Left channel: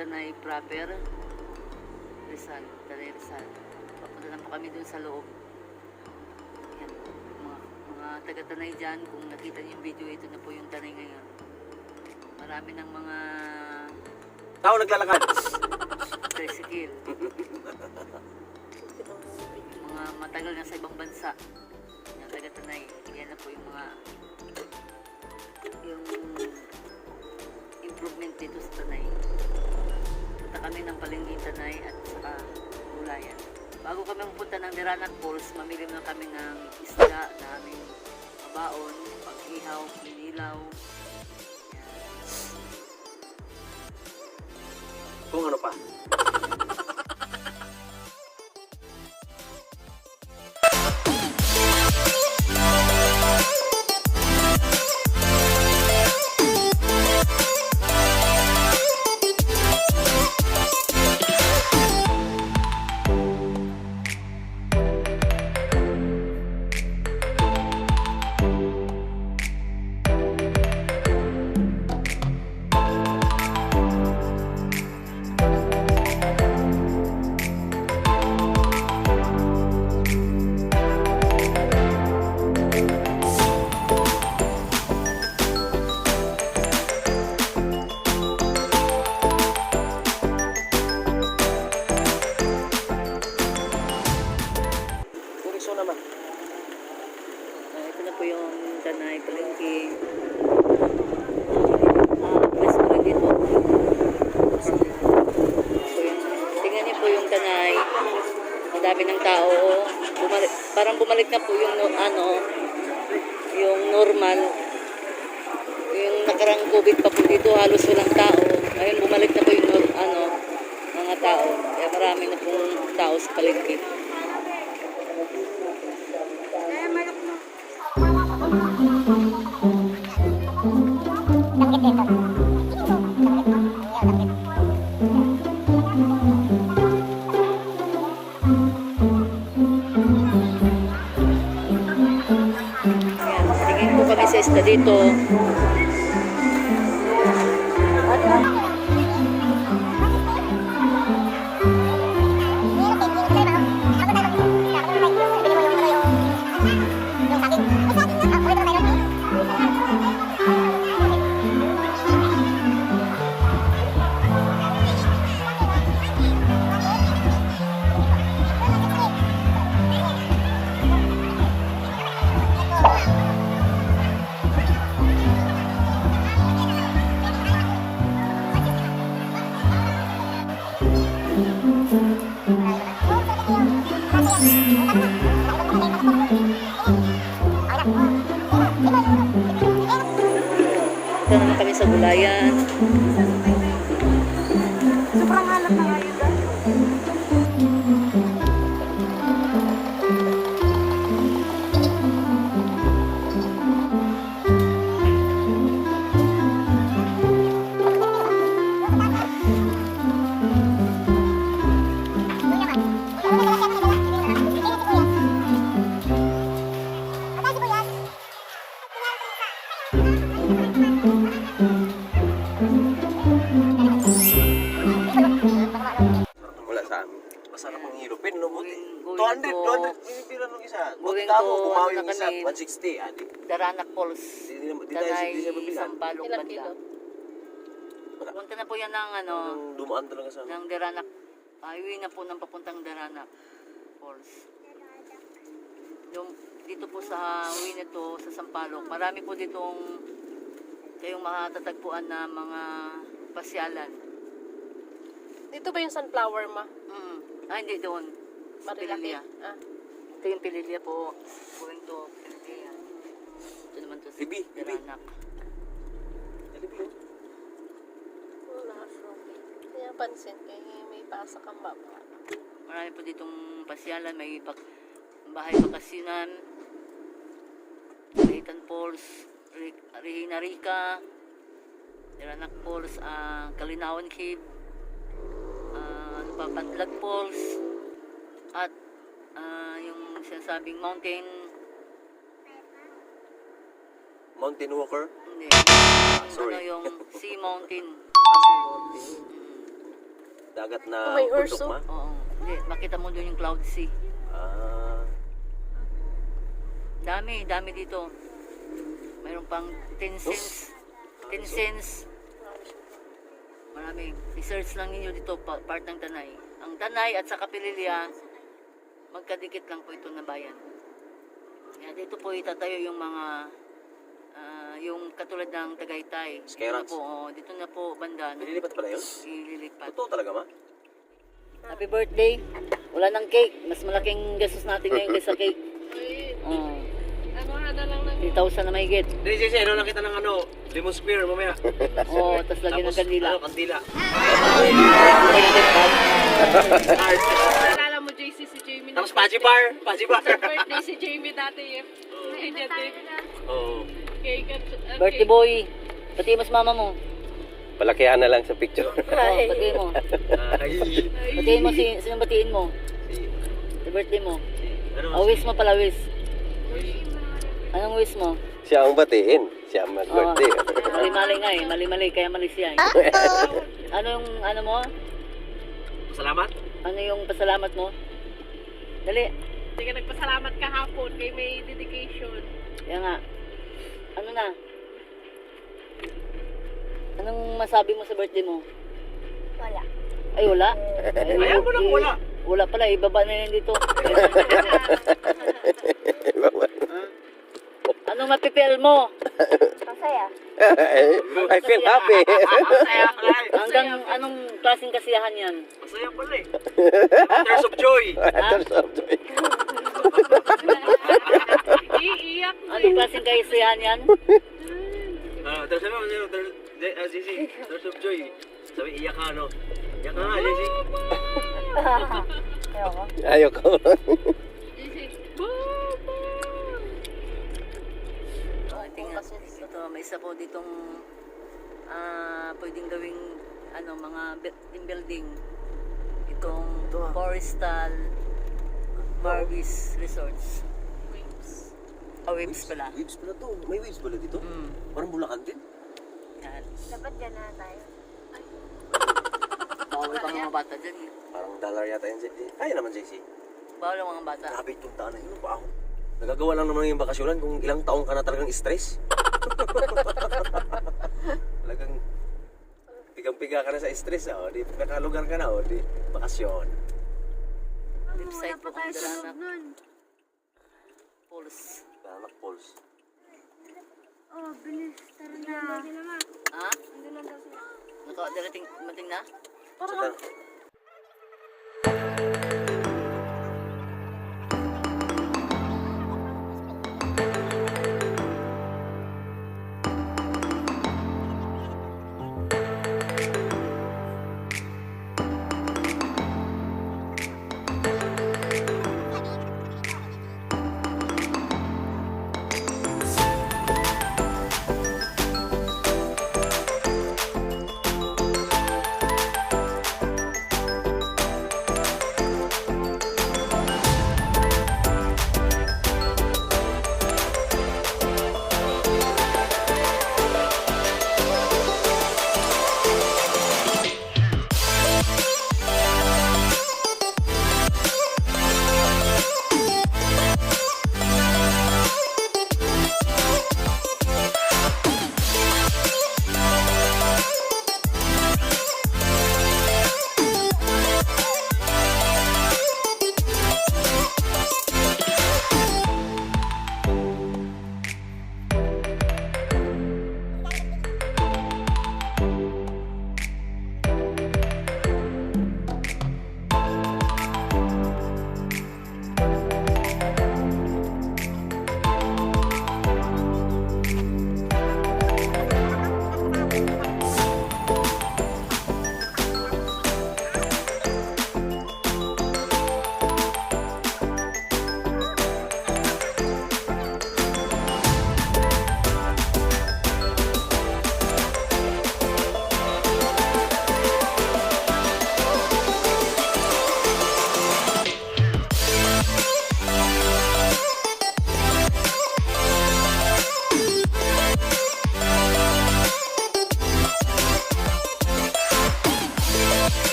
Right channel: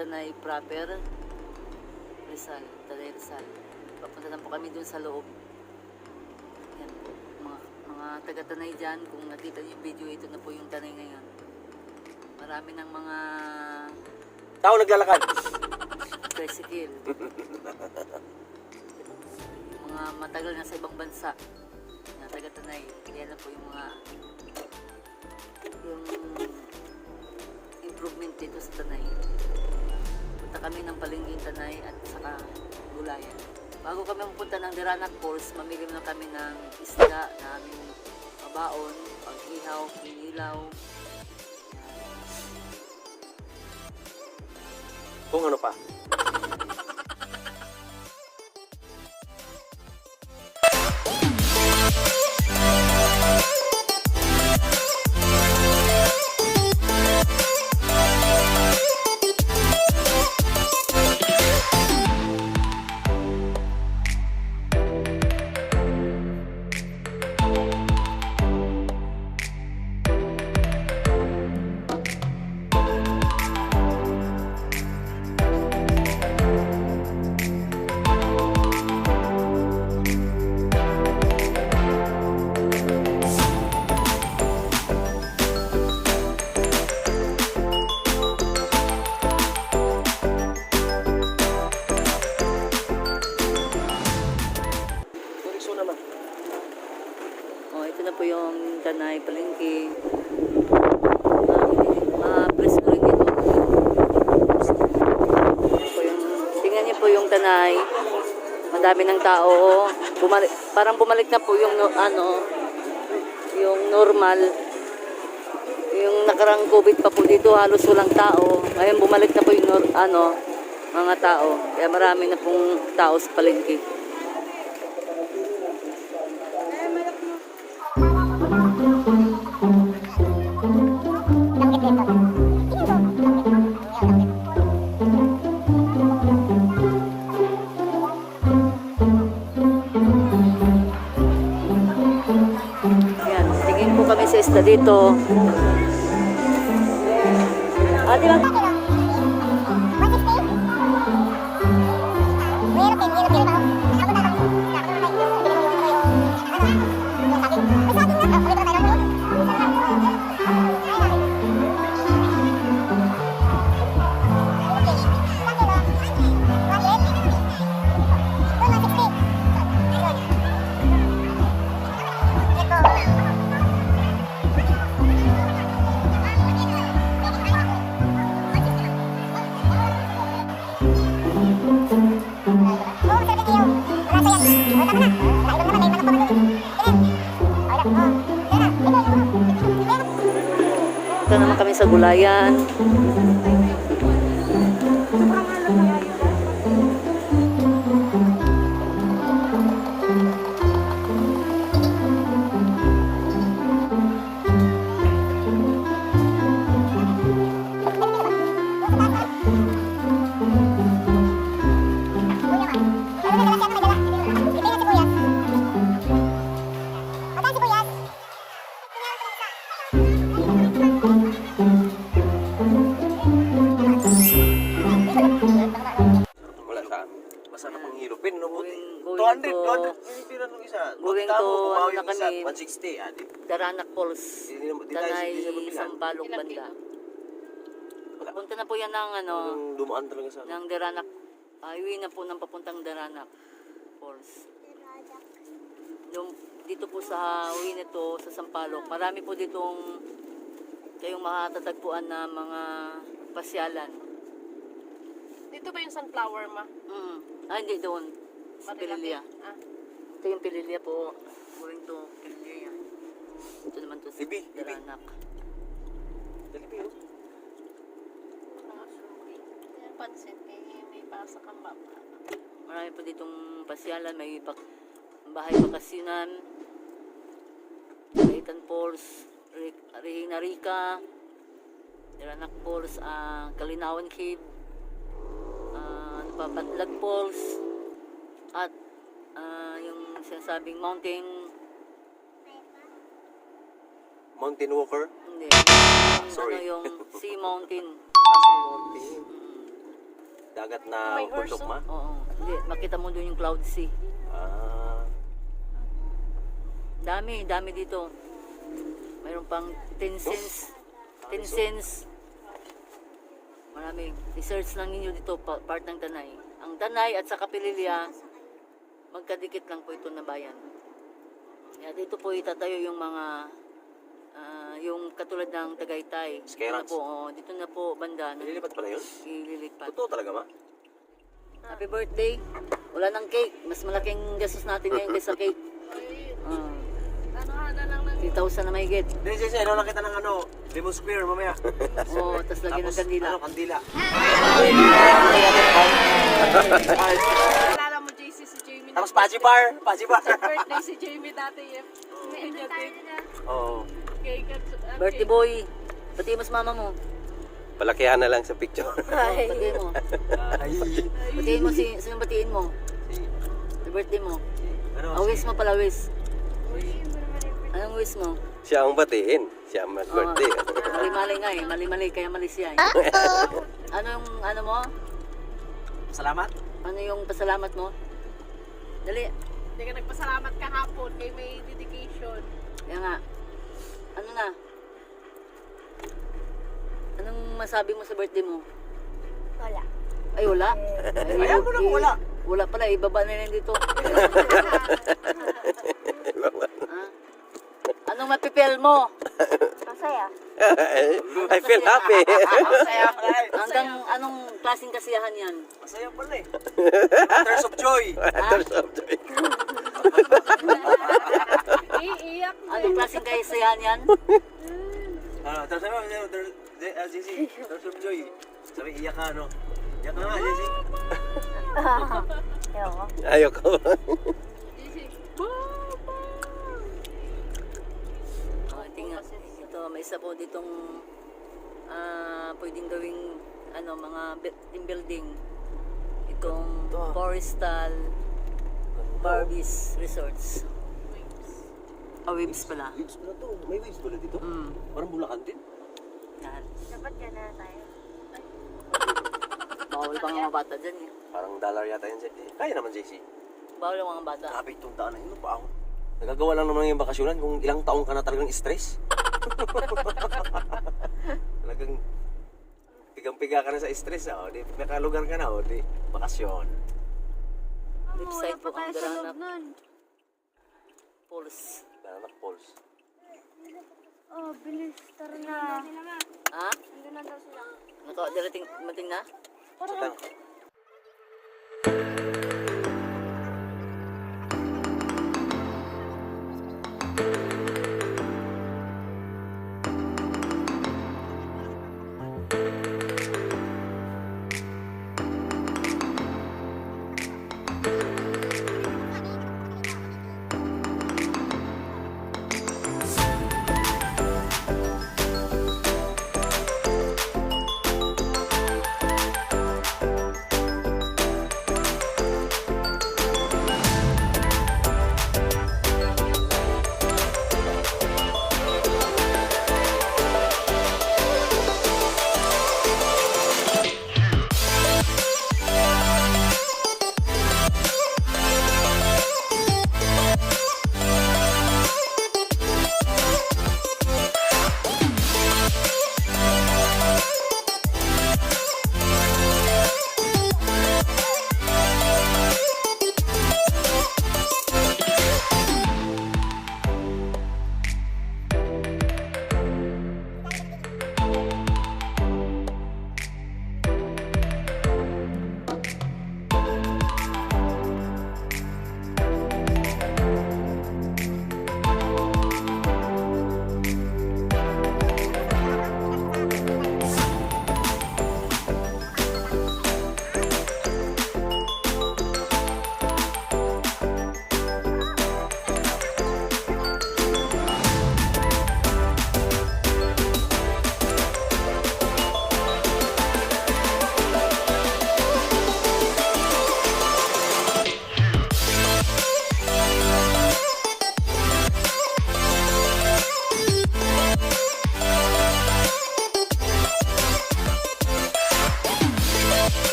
Tanay proper, Rizal, Tanay Rizal. Papunta na po kami dun sa loob. Yan po, mga taga Tanay dyan, kung nakita niyo yung video, ito na po yung Tanay ngayon. Marami ng mga tao naglalakad. tricycle. Mga matagal na sa ibang bansa. Yung taga Tanay, yan na po yung mga improvement dito sa Tanay. Punta kami ng Palengke Tanay at saka Gulayan. Bago kami pupunta ng Diranak Falls, mamili na kami ng isda na aming mabaon, pag-ihaw, pinilaw. Kung ano pa. Ito na po yung Tanay Palengke. Press ko rin dito. Tingnan niyo po yung Tanay. Madami ng tao. Parang bumalik na po yung yung normal. Yung nakarang COVID pa po dito, halos walang tao. Ngayon bumalik na po yung mga tao. Kaya marami na pong tao sa palengke. Ayan, tingin po kami sa isda dito. Punta naman kami sa Gulayan. Wala sa amin. Masarap ang hilupin. No? Going 200 pinipira nung isa. going Magtamo, to, bumawi ano yung na isa. kami? 160. Adi. Daranak Falls. Di Tanay, siya mabilan. Sampalok banda. Punta na po yan ng Yung dumaan talaga sa ng Daranak. Highway na po ng papuntang Daranak Falls. Dito po sa highway nito sa Sampalok. Marami po ditong kayong makatatagpuan na mga pasyalan. Dito ba yung sunflower ma? Hindi doon. Sa Marilaki. Pililya. Ito yung Pililya po. Going to Pililya yan. Ito naman to sa Ibi. Daranak. Wala, sorry. Kaya pansin kay may pasa kang baba. Marami po ditong pasyalan. May bahay bakasyonan. Leighton Falls. Regina Rica. Daranak Falls. Kalinawan Cave. Patlag Falls at yung sinasabing mountain walker. hindi Sorry. yung sea mountain dagat na May horse, bundok ma? Oo. Hindi, makita mo doon yung cloud sea. Ah. Dami dito. Mayroon pang 10 cents. 10 cents. Marami. I-search lang ninyo dito, part ng Tanay. Ang Tanay at sa Kapililya, magkadikit lang po ito na bayan. Kaya dito po itatayo yung mga, yung katulad ng Tagaytay. Dito na Skerans? po, dito na po banda. Nililipat pala yun? Ililipat. Totoo talaga ma? Happy birthday. Wala ng cake. Mas malaking gastos natin ngayon kaysa cake. Ay, Uh, ano lang ng 3,000 na mahigit. Hindi, Jesse, ano lang kita ng ano, Lemon Square mamaya. Oo, tapos lagyan ng kandila. Ano, kandila. Alala mo, JC, si Jamie. Tapos Paji Bar. Paji Bar. Birthday si Jamie dati eh. Oo. Cake at Birthday boy. Pati mas mama mo. Palakihan na lang sa picture. Oo, batiin mo. Ay. Batiin mo sino batiin mo? Sa birthday mo. Ano? Wish mo pala, wish. Anong wish mo? Siya ang batiin. Siya ang mag-birthday. Mali-mali nga eh. Mali-mali, kaya mali siya eh. Ano yung ano mo? Salamat. Ano yung pasalamat mo? Dali. Hindi ka nagpasalamat kahapon kay may dedication. Kaya nga. Ano na? Anong masabi mo sa birthday mo? Wala. Ay, wala. Ay, Ayan mo na kung wala. Wala pala, ibaba na yan dito. Ha? Anong mapipil mo? Masaya. I feel happy. Hanggang anong klaseng kasiyahan yan? Masaya pala eh. Tears of joy. Iiyak. Anong klaseng kasiyahan yan? Tears of joy. Jesse, tears of joy. Sabi, iyak ka, no? Iyak ka nga, Jesse. Ayoko. JC. Tingnan. Ito, may isa po ditong pwedeng gawing mga team building. Itong Forestal Barbies Resorts. Waves pala. Waves pala to. May waves pala dito? Parang Bulacan din. Yan. Dapat dyan na tayo. Bawal pa nga mga bata dyan. eh. Parang dollar yata yun. Kaya naman, Jesse. Bawal ang mga bata. Grabe itong daan na yun. Wow. Nagagawa lang naman yung bakasyonan kung ilang taong ka na talagang stress. Talagang pigang-piga ka na sa stress. O, di nakalugar ka na. O, di bakasyon. Left side po ang Dalanak Falls. Dalanak Falls. Oh, bilis. Tara na. Ha? Andun na daw sila. Mating na? Saka,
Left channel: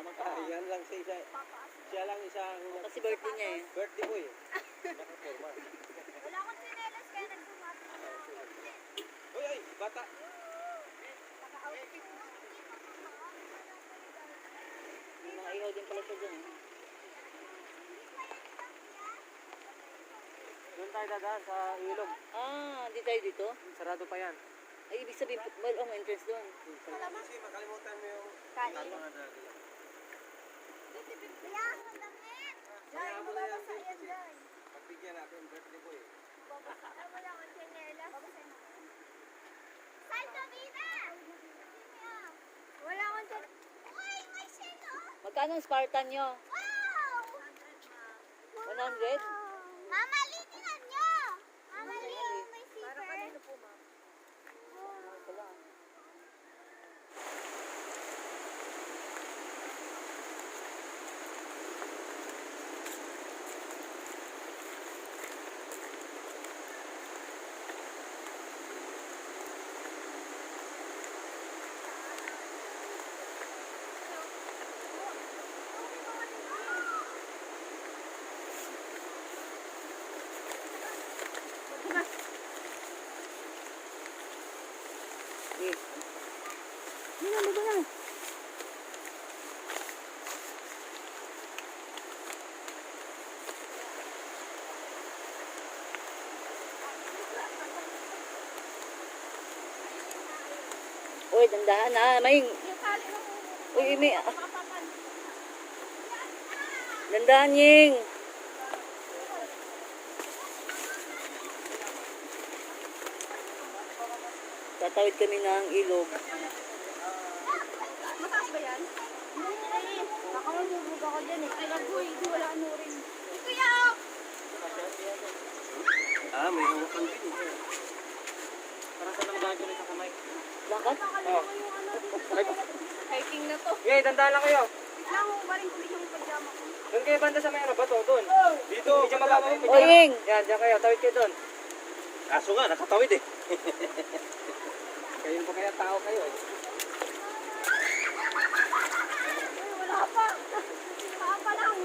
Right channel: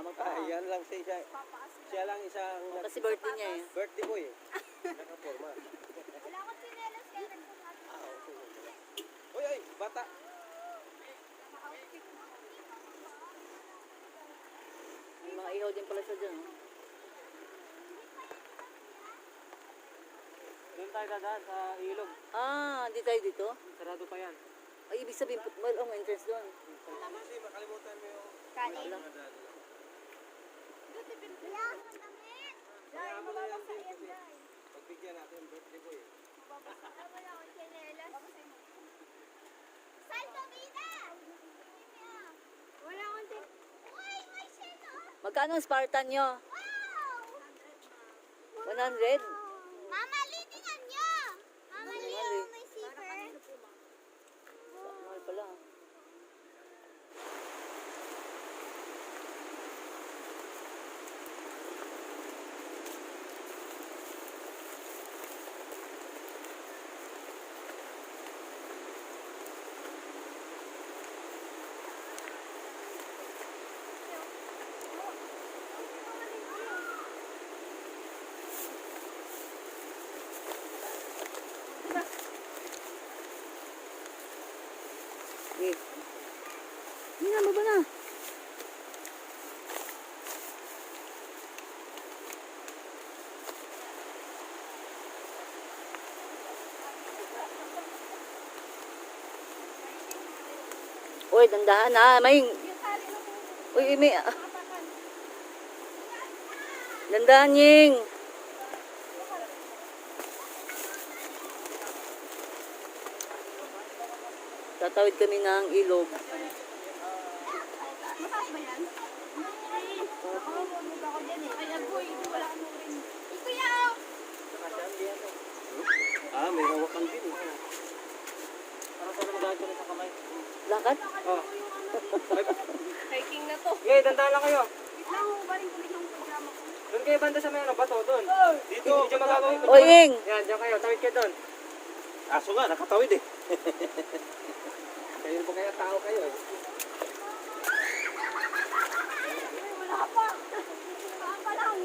Yan lang siya. Siya lang isang Kasi birthday niya eh. birthday boy. Nakaporma. Wala akong sinelas kaya nagpumati na ako. Uy, uy, bata. May mga ihaw din pala siya dyan. Doon tayo dadaan sa ilog. Ah, hindi tayo dito? Sarado pa yan. Ay, ibig sabihin, football ang entrance doon. Nakalimutan mo yung Kain. ano. Wala akong damit. Kaya mo na yan, Dave, kasi pagbigyan natin birthday boy. Ay, wala akong sinelas. Salto Vida! Wala akong sinelas. Uy, may sino? Magkano ang Spartan nyo? Wow! 100? Mama, litingan nyo! Mama, litingan may zipper. Ay, pala. Eh. Baba na. Uy, dandahan na. May... Uy, may... Dandahan, Ying. Tatawid kami ng ilog. Mataas ba yan? Nakalulog ako dyan eh. Kaya wala ano rin. Kuya! May hawakan din. Para sa lang gagawin sa kamay. Langkat? Oh. Hiking na to. Yay, dandaan lang kayo. Lang mo ba rin kulit yung pajama ko? Doon kayo banda sa may ano, bato, doon. Dito, medyo mababaw. O, Ying. Yan, diyan kayo. Tawid kayo doon. Kaso nga, nakatawid eh. Kayo pa kaya tao kayo eh. Wala pa. Wala pa lang.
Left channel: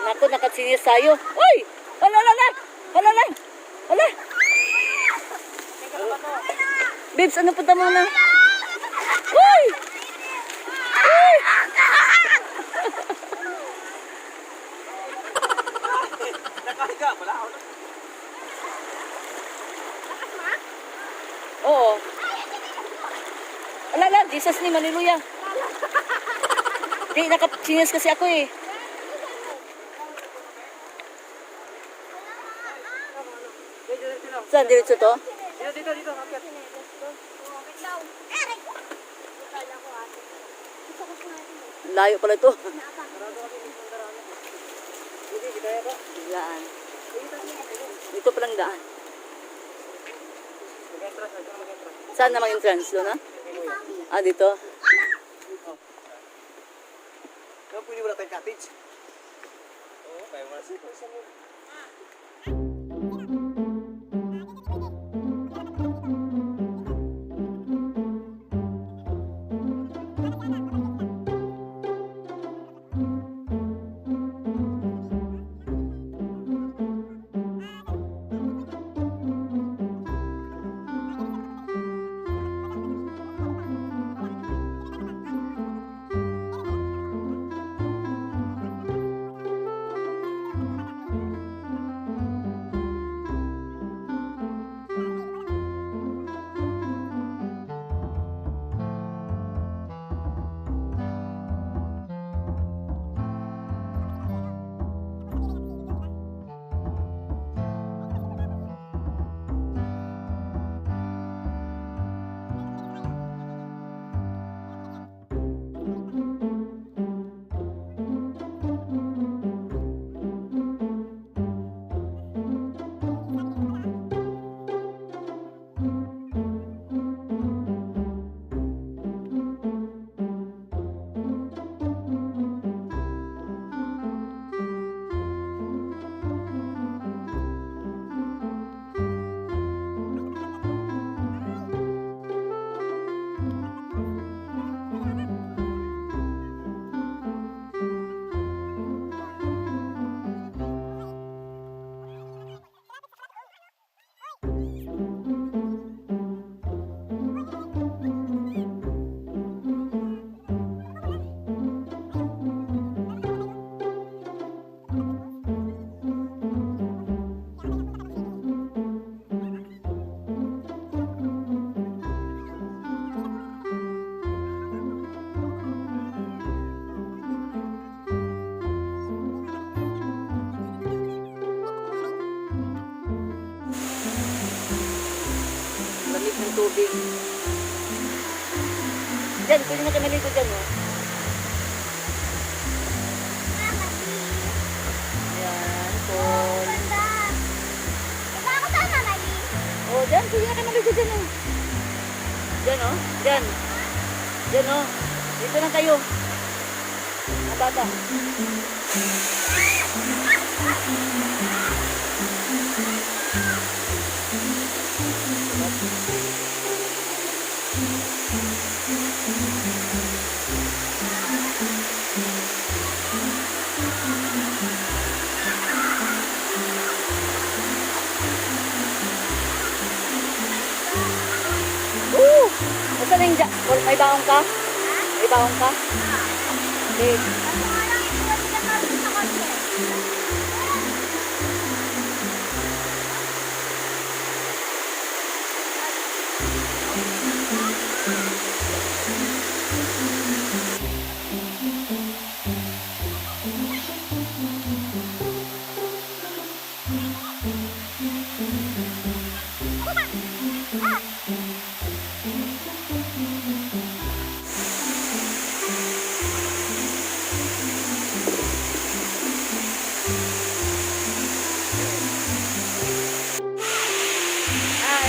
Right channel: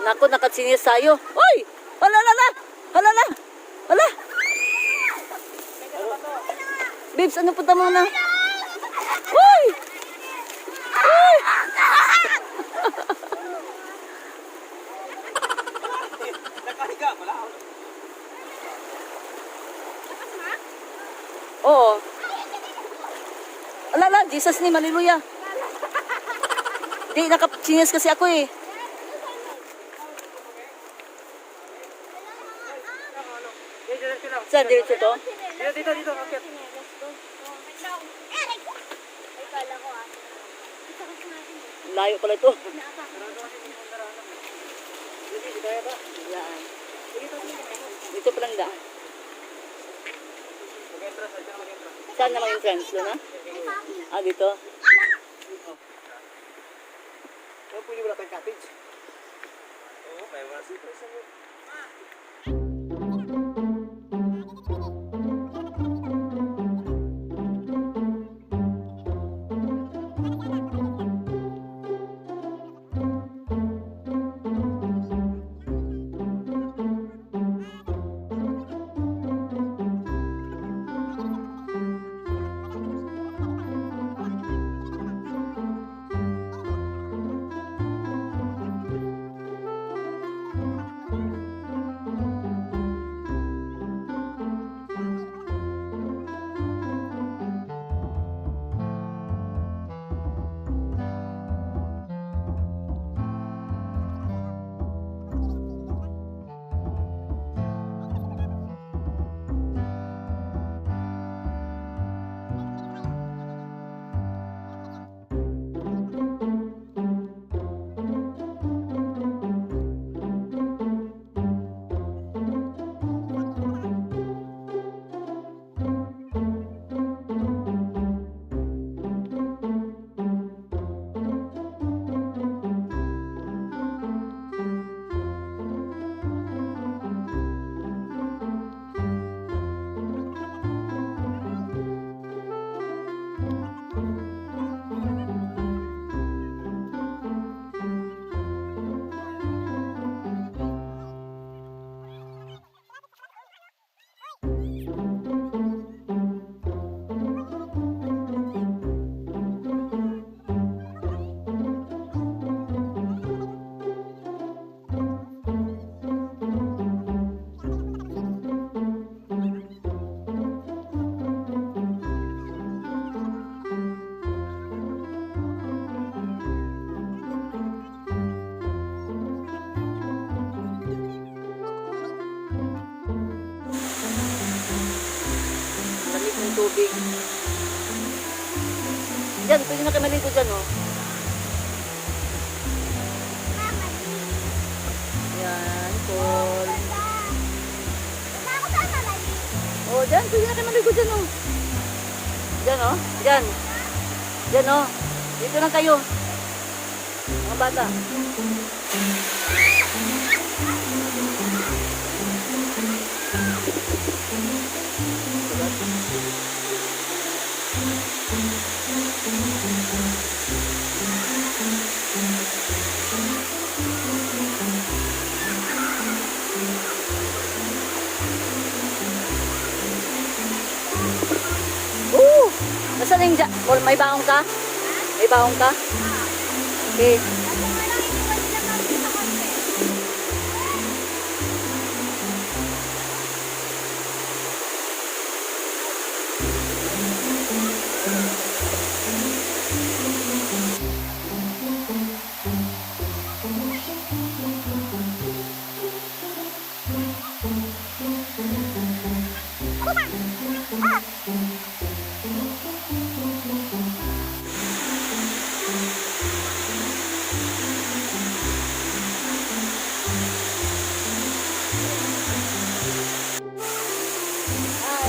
Naku, nakatsinis tayo. Uy! Hala, hala! Hala, hala! Hala! Babes, ano punta mo na? Uy! Uy! Nakahiga, wala ako. Oo. Hala, hala! Jesus ni, hallelujah! Di, nakatsinis kasi ako eh. Saan? Diretso to? Dito, dito. Akyat. Layo pala ito. Sige, kaya ba? Daan. Dito palang daan. Mag-entrance, dito na mag-entrance. Saan naman entrance? Doon na? Ah, dito? Kaya pwede wala tayong cottage. Oo, may mga surprise mo. tubig. Diyan, pwede na kayo maligo dyan, oh. Ayan, pool. Oh, dyan, pwede na kayo maligo dyan, oh. Dyan, oh. Dyan. Dyan, oh. Dito lang kayo. Mga bata. Nasaan yung Paul, may baong ka? May baong ka? Okay.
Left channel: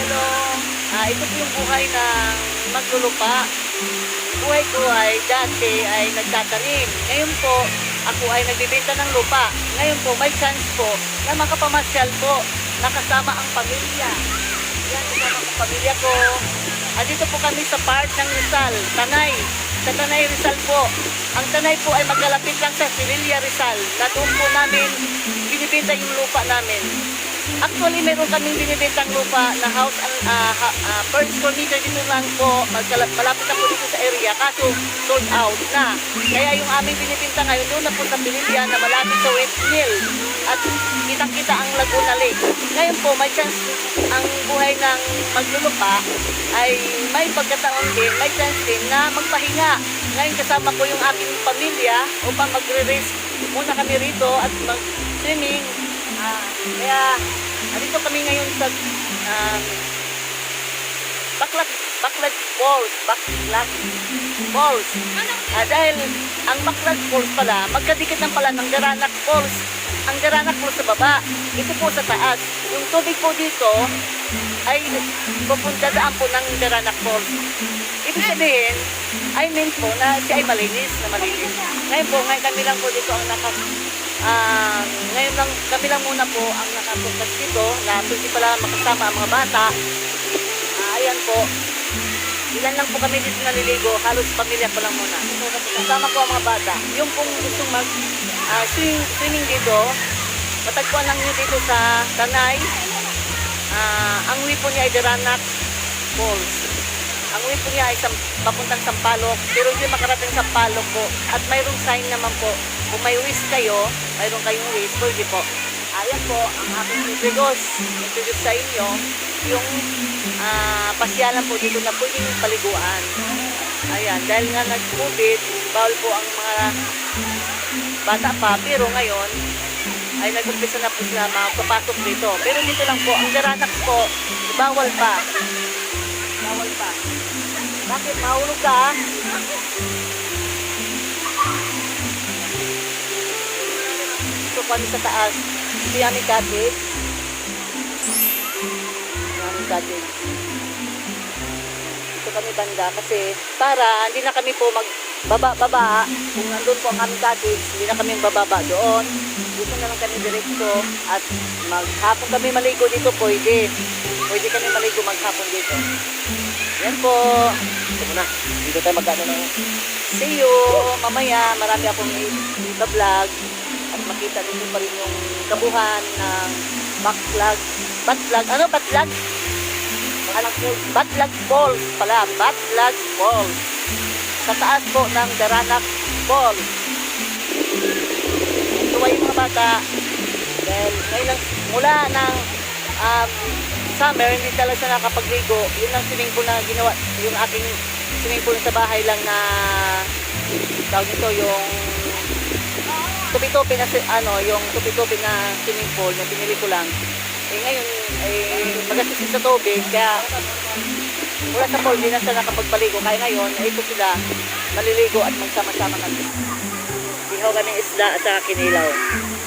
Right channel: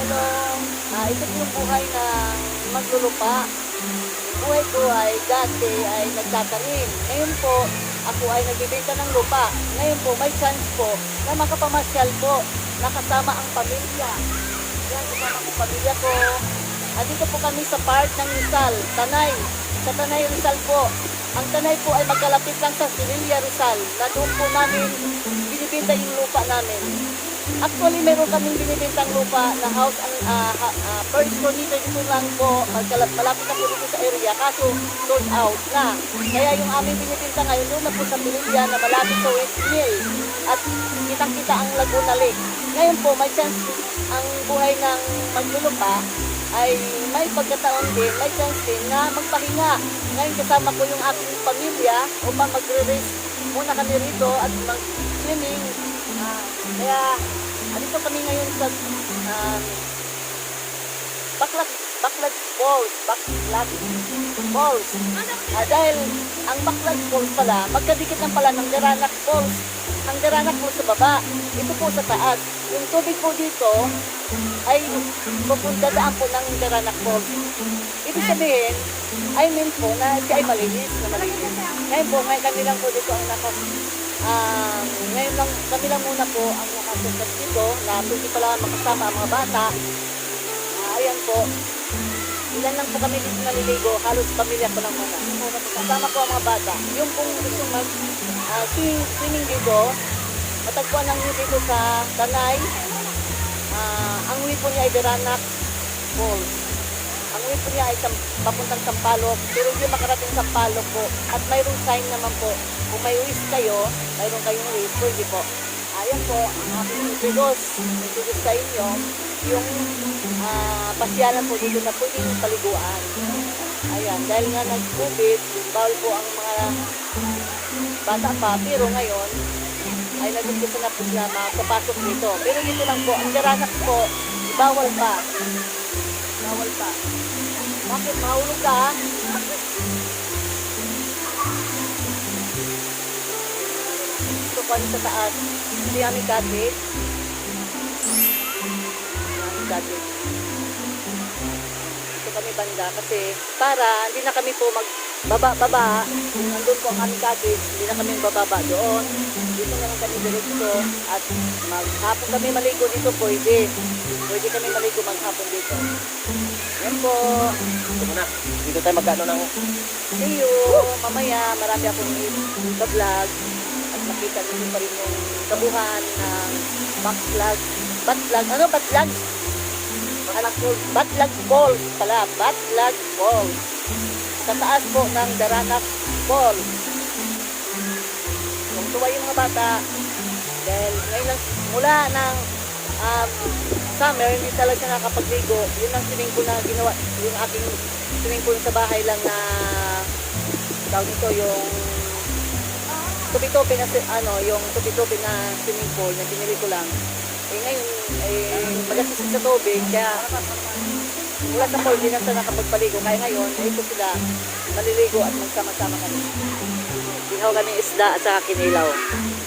Hello. Ito po yung buhay ng maglulupa. Buhay ko ay dati ay nagtatanim. Ngayon po, ako ay nagbibenta ng lupa. Ngayon po, may chance po na makapamasyal po nakasama ang pamilya. Yan, kasama ang pamilya ko. Dito po kami sa part ng Rizal, Tanay. Sa Tanay, Rizal po. Ang Tanay po ay magkalapit lang sa Sevilla, Rizal. Na doon po namin binibenta yung lupa namin. Actually, meron kaming binibentang lupa na house per square meter dito lang po, malapit na po dito sa area, kaso sold out na. Kaya yung aming binibenta ngayon, doon na po sa Pilipia na malapit sa West Mill at kitang-kita ang Laguna Lake. Ngayon po, may chance ang buhay ng maglulupa ay may pagkataon din, may chance din na magpahinga. Ngayon kasama ko yung aking pamilya upang magre-rest muna kami rito at mag-swimming. Kaya, dito kami ngayon sa Baclag Falls. Dahil ang Baclag Falls pala, magkadikit ng pala ng Daranac Falls. Ang Daranac Falls sa baba, ito po sa taas. Yung tubig po dito ay pupunta daan po ng Daranac Falls. Ibig sabihin, I mean po na siya ay malinis. Ngayon po, ngayon kami lang po dito ang ngayon lang, kami lang muna po ang nakasukat dito na pwede pala makasama ang mga bata. Ayan po. Ilan lang po kami dito naliligo. Halos pamilya ko lang muna. Kasama po ang mga bata. Yung pong gusto swimming dito, matagpuan lang nyo dito sa Tanay. Ang way po niya ay Daranac Falls. Ang way po niya ay papuntang Sampaloc. Pero hindi makarating Sampaloc po. At mayroong sign naman po. Kung may wish kayo, mayroon kayong wish, pwede po. Ayan po, ang aking introduce sa inyo, yung pasyalan po dito na pwedeng paliguan. Ayan, dahil nga nag-COVID, bawal po ang mga bata pa, pero ngayon, ay nag-umpisa na po sila makapasok dito. Pero dito lang po, ang Daranac po, bawal pa. Bawal pa. Bakit? Mahulog ka? Sa taas, hindi aming cottage. Ito kami banda kasi para hindi na kami po magbaba-baba. Kung nandun po ang aming cottage, hindi na kami bababa doon. Dito na lang kami direkto at maghapon kami maligo dito, pwede kami maligo maghapon dito. Yan po. Sige na, dito tayo magkano ng... See you mamaya. Marami akong i-vlog at makita ninyo pa rin yung kabuhan ng Baclag Falls pala. Baclag Falls. Sa taas po ng Daranac Falls. Tuwa yung mga bata. Dahil ngayon lang, mula ng summer, hindi talaga siya nakapagligo. Yun ang swimming pool na ginawa. Yung aking swimming pool sa bahay lang na tawag nito yung tupi-tupi na yung tupi-tupi na swimming pool na binili ko lang. Ngayon magasusik sa tubig kaya mula sa pool, di na sila nakapagpaligo. Kaya ngayon, ito sila maliligo at magsama-sama kami. Ihaw kami isda at saka kinilaw.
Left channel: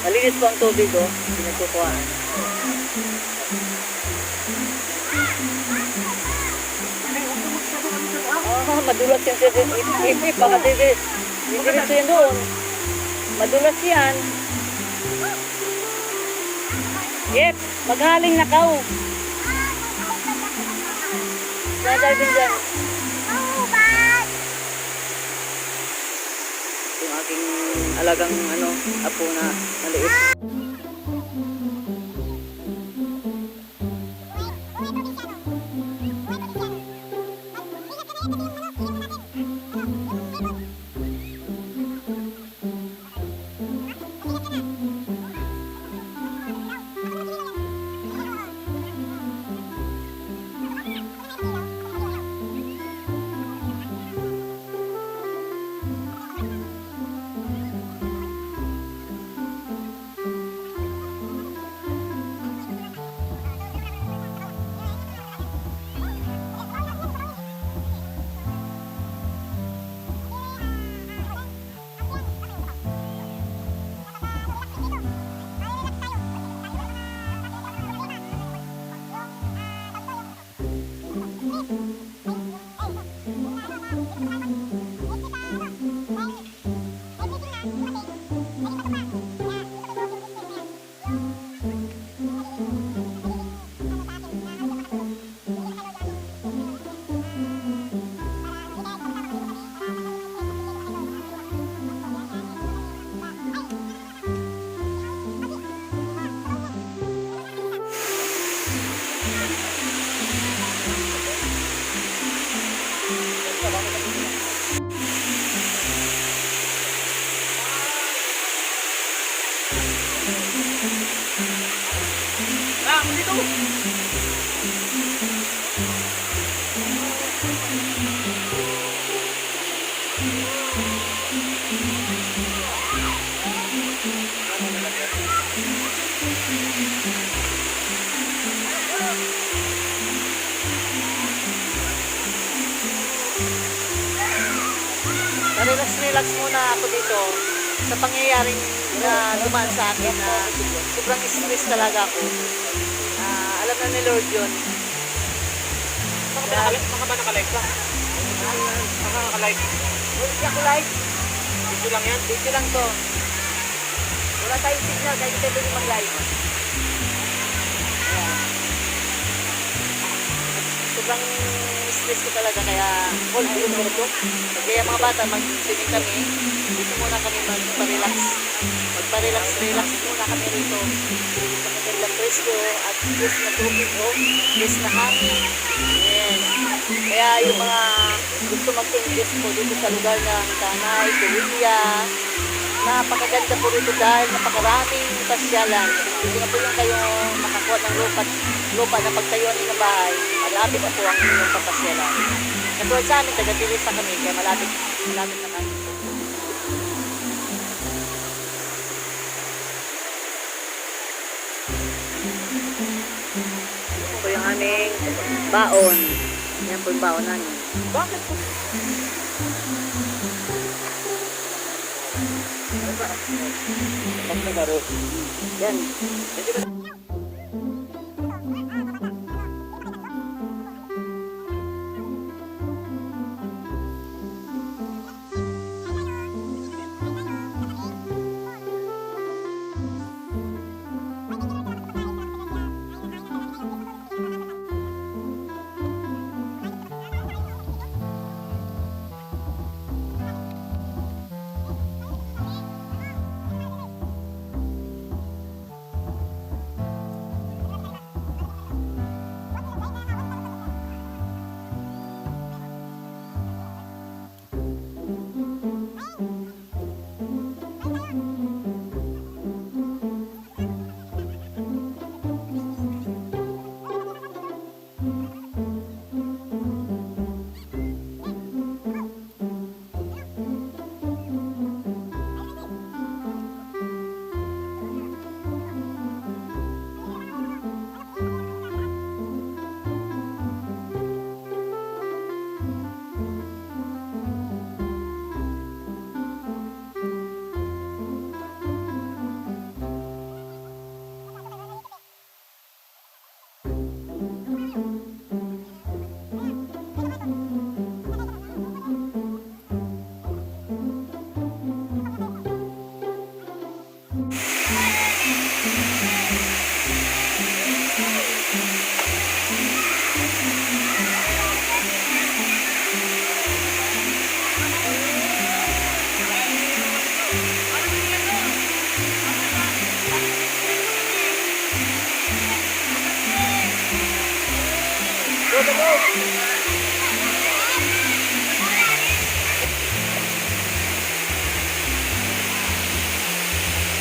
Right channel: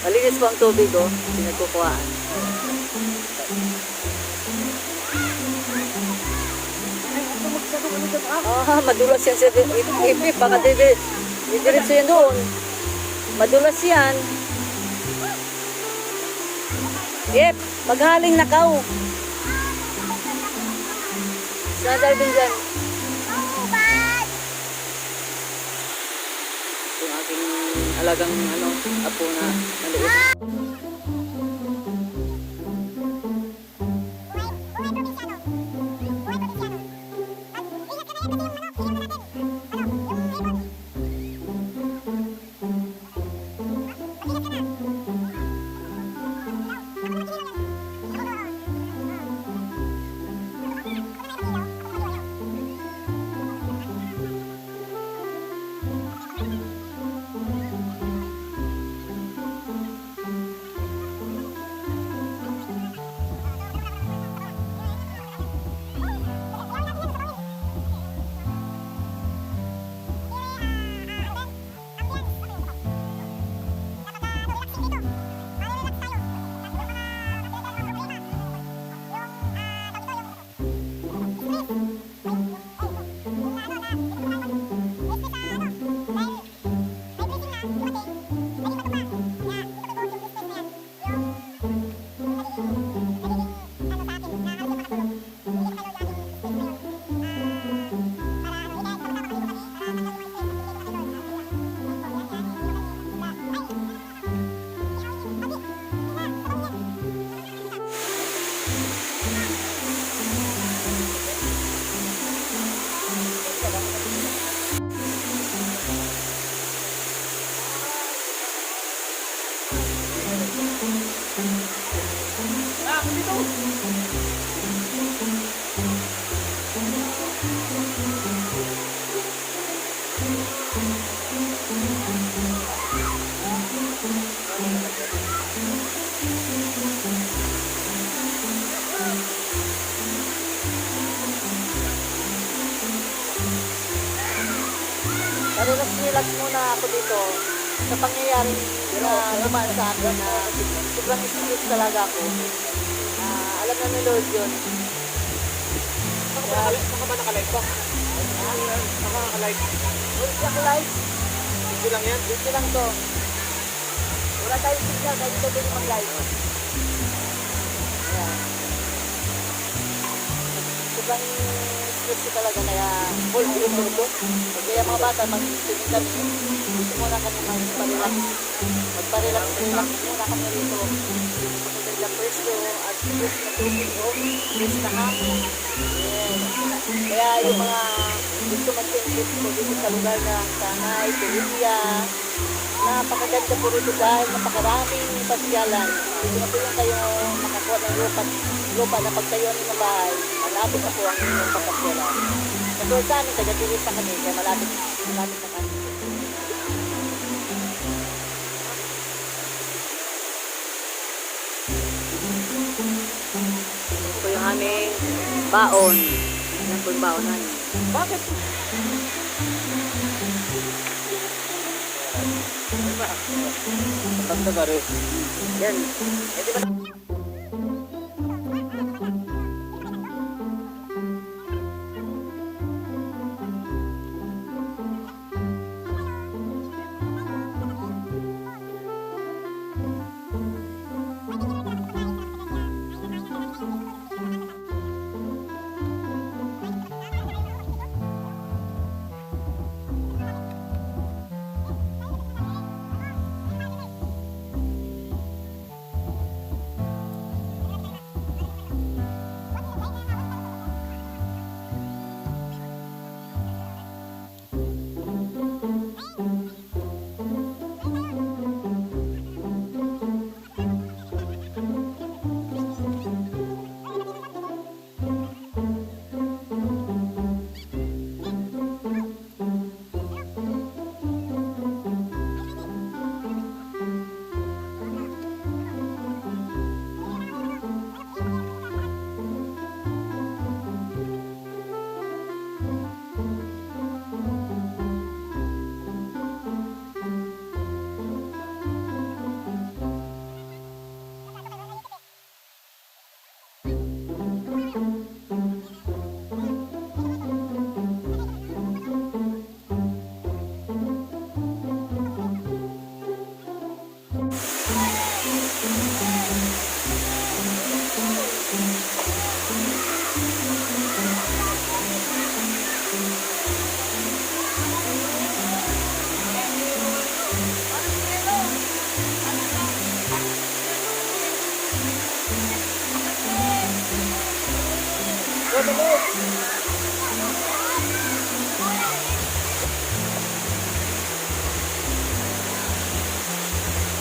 Malinis po ang tubig, oh. Pinagkukuhaan. Ah, madulas yan sa ipip. Baka didiretso yan doon. Madulas yan. Yep, maghaling nakaw. Sadar din dyan. Yung aking alagang apo na maliit. Relax muna ako dito sa pangyayaring na dumaan sa akin na sobrang stress talaga ako. Alam na ni Lord yun. Saka ba naka-live ka? Saka naka-live? Hindi ako live. Video lang yan? Dito lang to. Wala tayong signal kaya hindi tayo pwede mag-live. Sobrang stress ko talaga kaya kaya mga bata mag-swimming kami. Dito muna kami magpa-relax muna kami rito sa magandang presyo at fresh na tubig o fresh na hangin. Yes. Kaya yung mga gusto mag-invest po dito sa lugar ng Tanay, Tuwilya, napakaganda po rito dahil napakaraming pasyalan. Dito na po yung kayo makakuha ng lupa na pagtayuan ng bahay, malapit na po ang inyong papasyalan. Katulad sa amin, taga-turista kami, kaya malapit na kami. Yan po yung aming baon. Yan po yung baon namin. Bakit? Yan.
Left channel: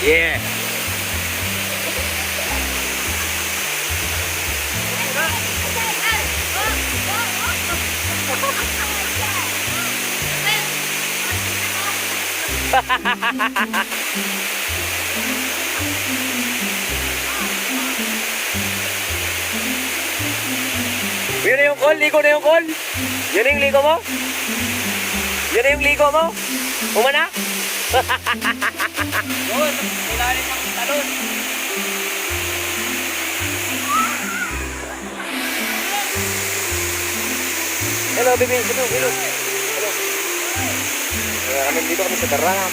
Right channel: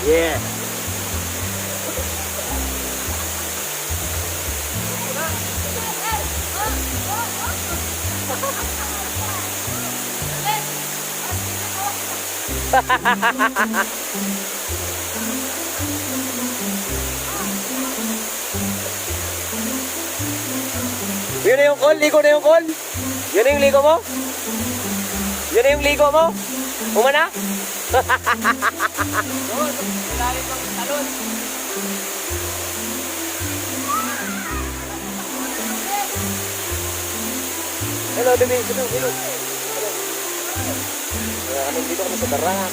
Yeah. Yun na yung call, ligo na yung call. Yun na yung ligo mo? Yun na yung ligo mo? Umana? Hello, baby. Hello, hello. Hello. Dito kami sa darat.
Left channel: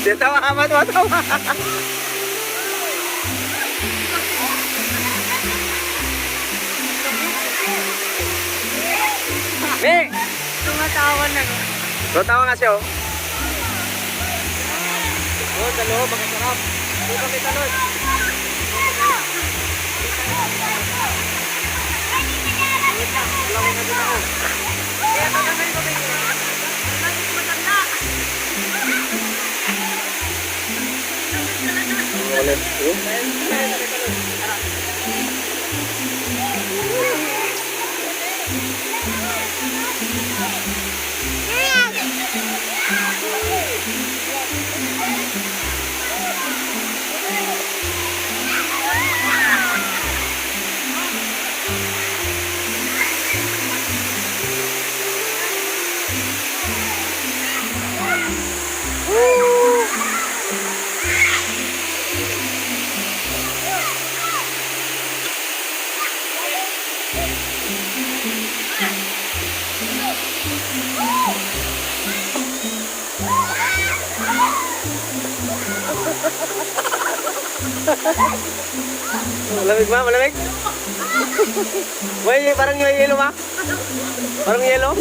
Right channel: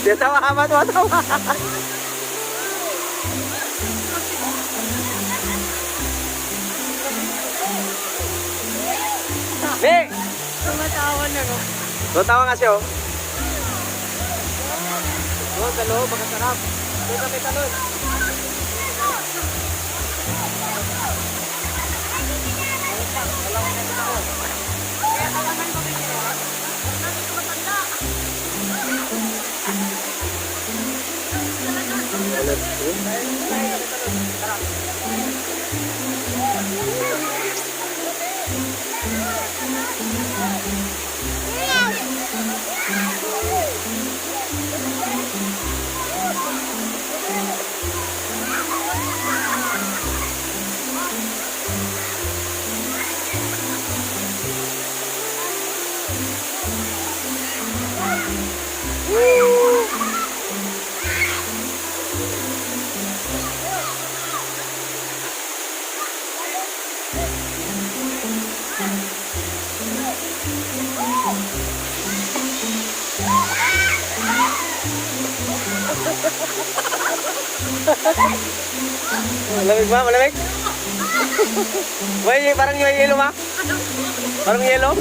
Dia tawa amat, tawa. Nih, Tumatawa na, no? tawa nga siya, oh. Doon sa loob, makasarap. Doon kami tanod. Malamig ba? Malamig? May parang yung yelo ma? Parang yelo?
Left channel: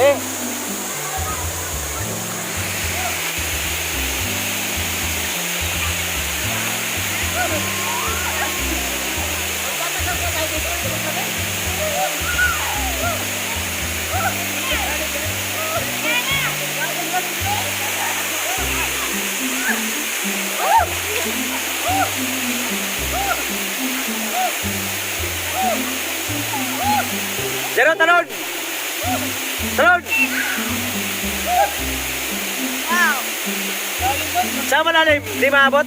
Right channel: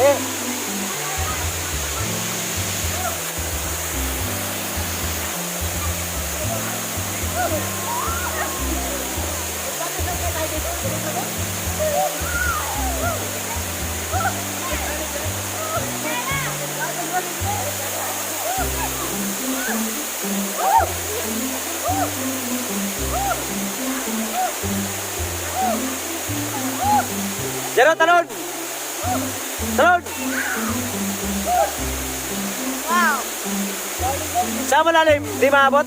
Eh! Jero, talon! Talon! Sa malalim, di maabot?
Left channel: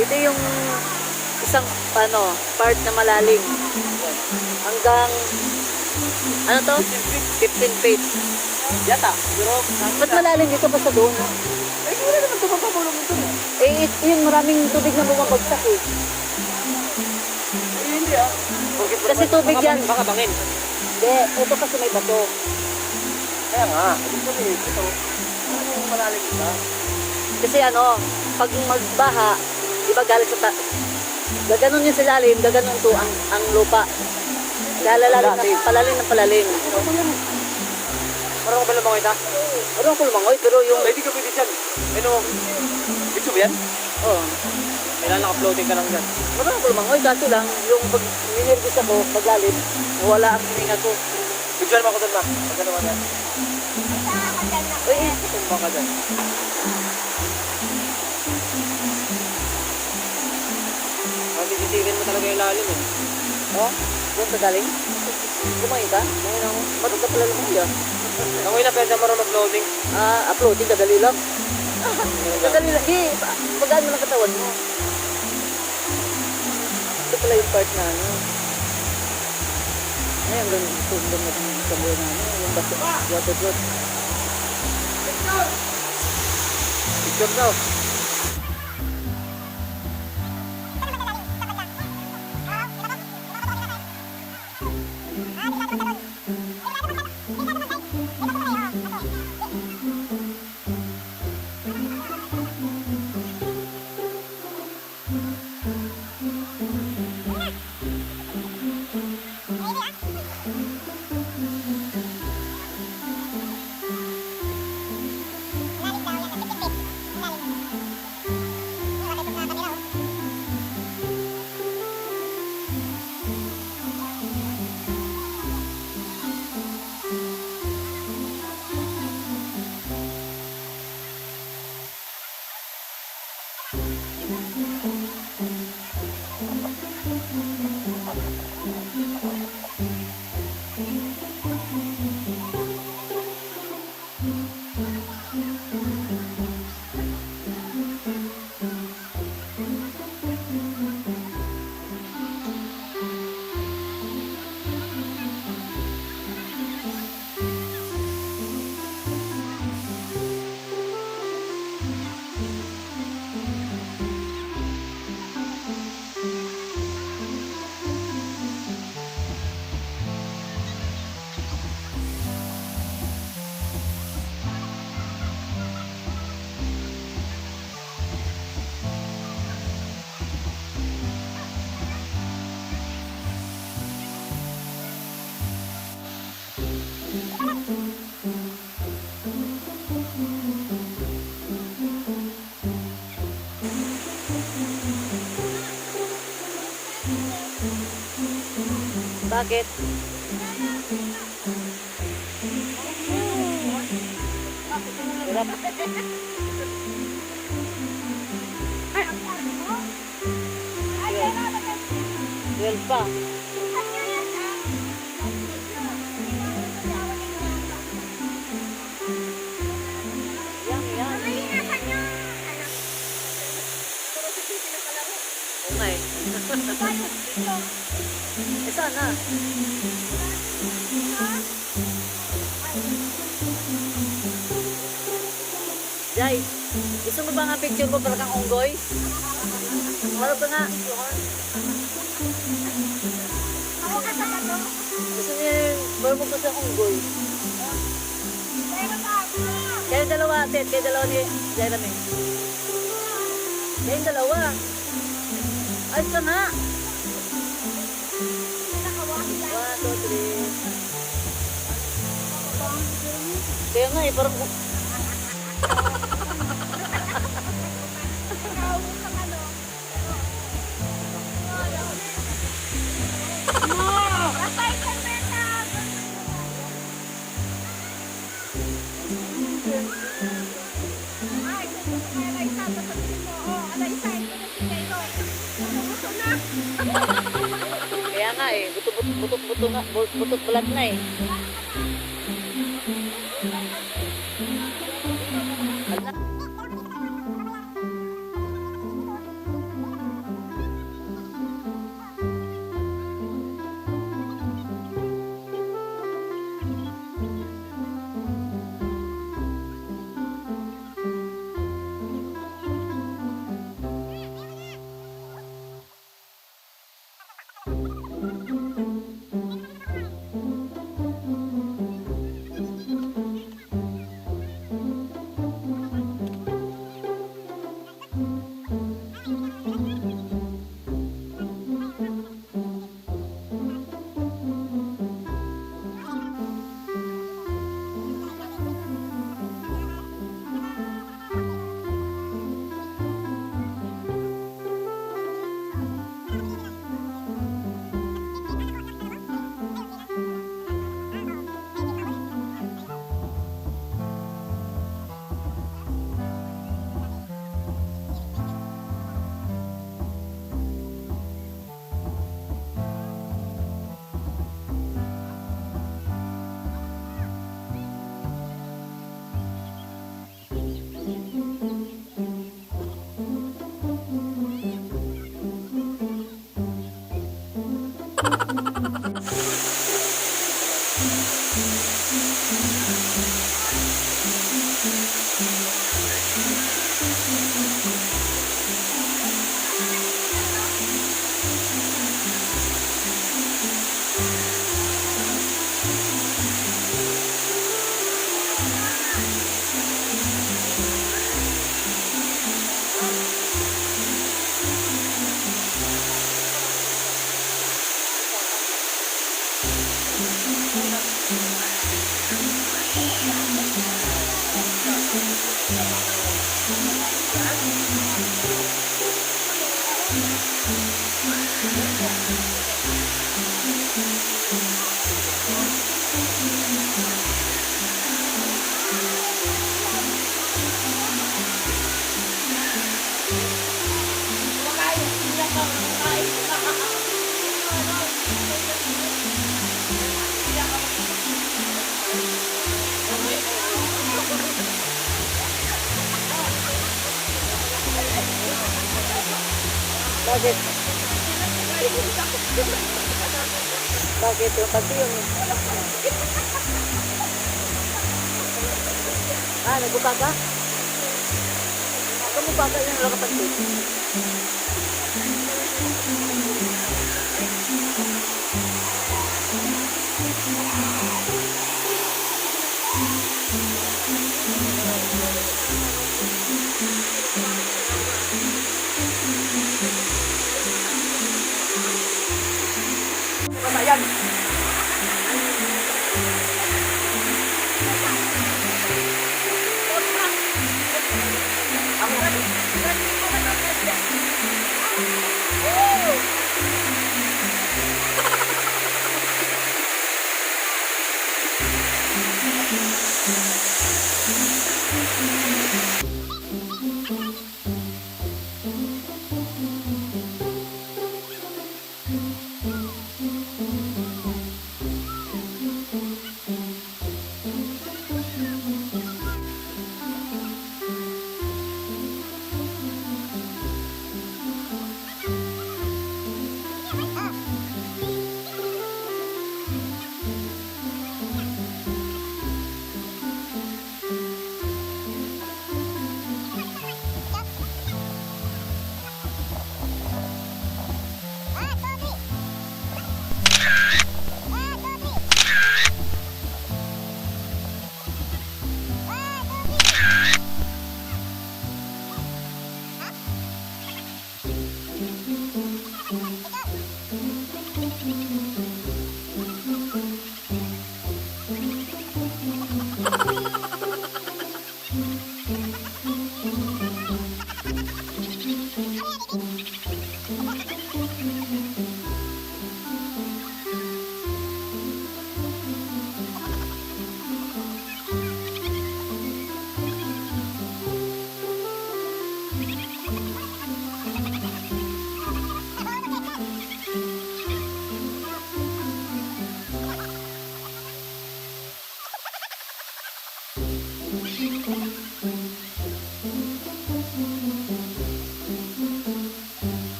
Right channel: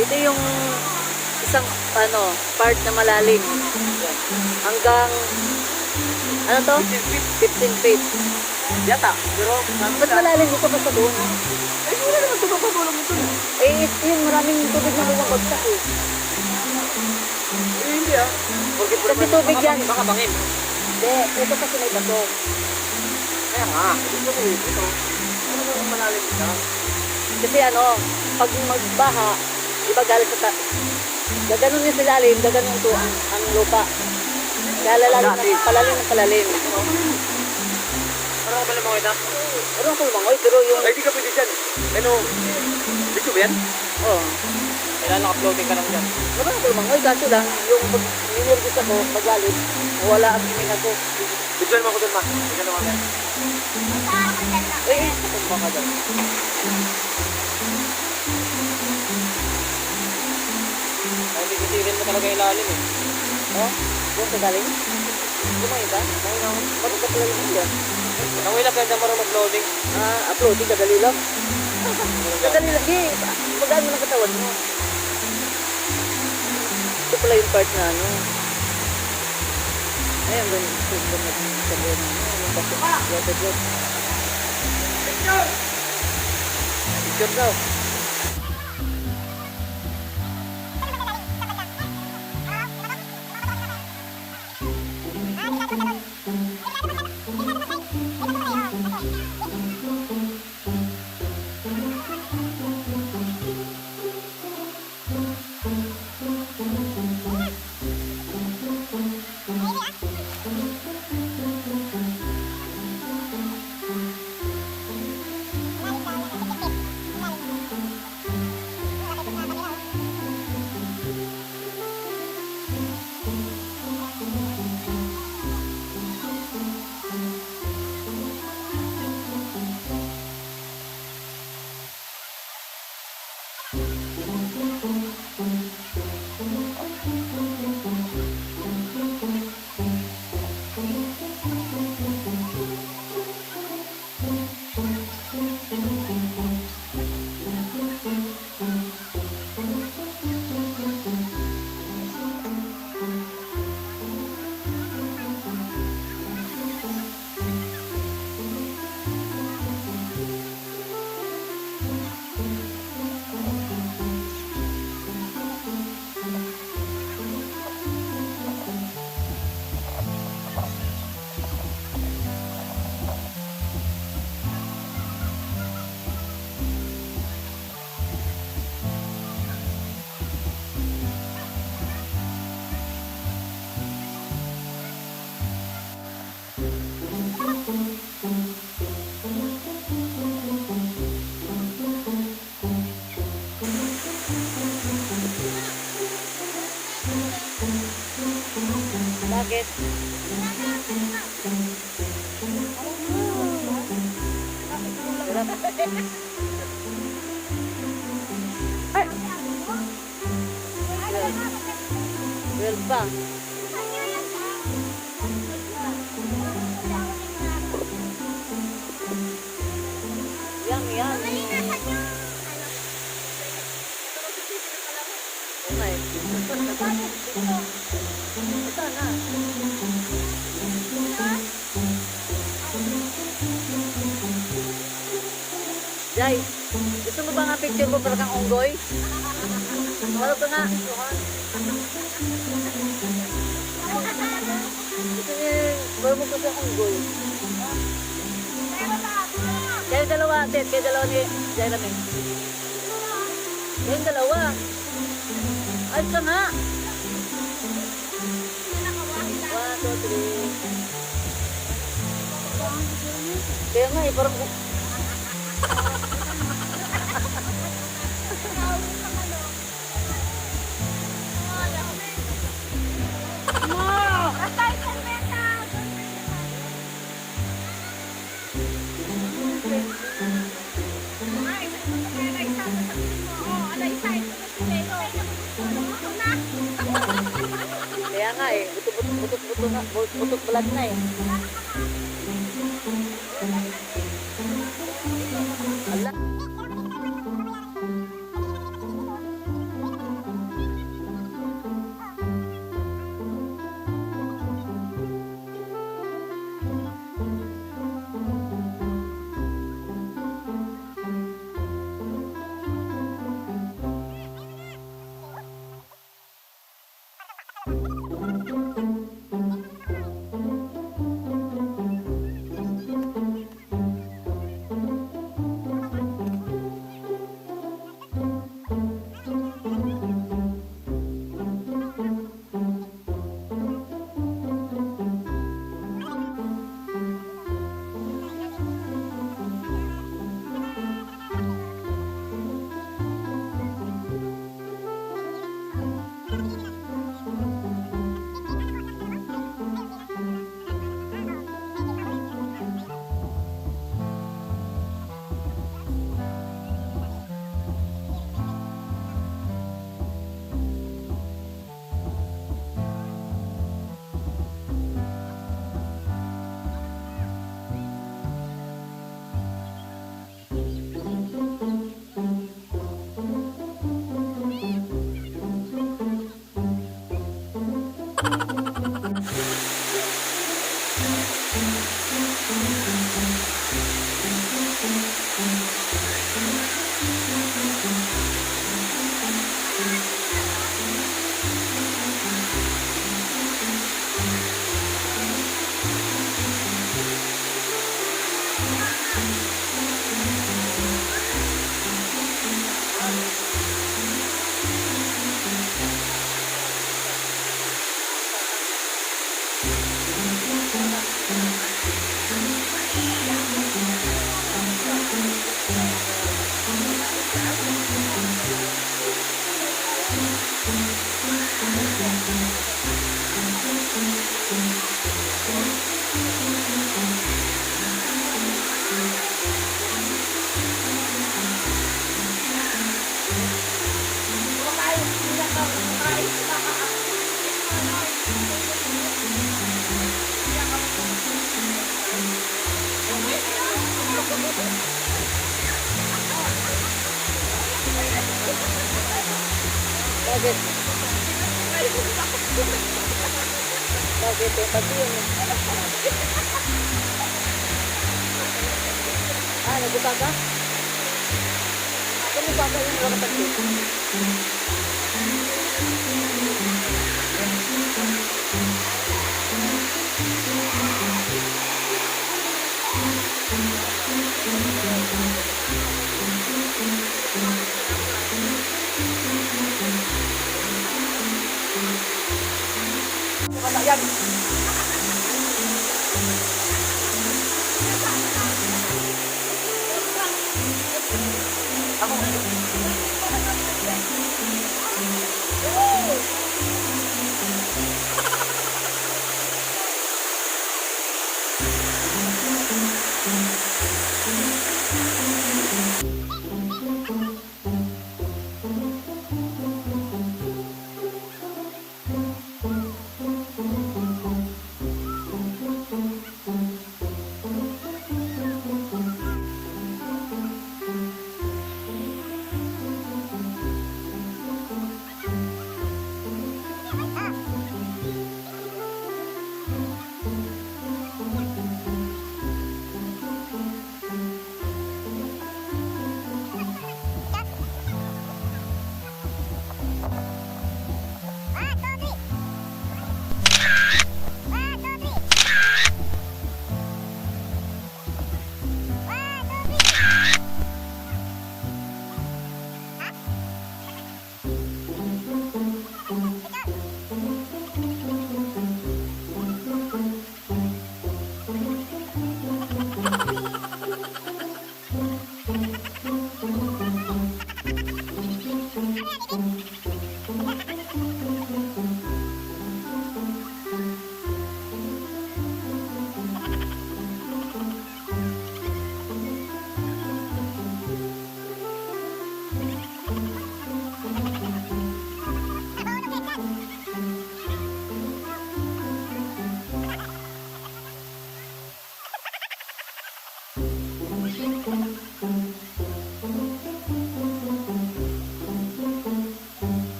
Ito yung isang part na malalim. Hanggang ano to? 15 feet. Yata, pero... Ba't malalim dito pa sa doon? Ay, wala naman tumapapalong ito. Eh, yun, maraming tubig na bumabagsak eh. Ay, hindi ah. Kasi tubig yan. Baka bangin. Hindi, ito kasi may bato. Kaya nga. Ito ko ito. Ano naman malalim ito? Kasi ano, pag magbaha, di ba galing sa gaganon yung silalim, gaganon to ang lupa. Lalalim na palalim ng palalim. Parang ka ba lamang ito? Parang ako lumangoy, pero yung... Ay, di ka pwede dyan. Ano? Dito ba yan? Oh, Kailangan naka-floating ka lang dyan. parang ako lumangoy, kaso lang, yung pag ninervous ako, magalit, wala ang hininga ko. Bigyan mo ako doon, ma. Bigyan mo ako. Uy, Punta ka dyan. Nagigipilin mo talaga yung lalim eh. oh, buong ka galing? Lumangoy ka? Ba't ka pala lumangoy ah? Nangoy na kaya marunong floating. Uploading, kadali lang. Kadali lang, di, magaan mo ng katawan mo. Ito pala yung part na ano. Ay, ang ganun, yung sabi na ano, yung baso, water float. Picture ko. Bakit? Hirap. 12 pa. Yan, yan. Oo nga eh. Eh, sana. Jai, gusto mo ba nga picture mo para kang unggoy? Wala ka nga. Gusto niya para mo kasi akong unggoy. Kayo dalawa, Ted. Kayo dalawa ni Jeremy. Kayong dalawa. Ayos ka nga. 1, 2, 3. Kaya nga eh, parang... Kaya nga eh, butot-buto nga, butot balat na eh. Ala. Bakit? Bakit? Yung pati yun. Nagbuka ka? Kamuka ka yung wala kapansin?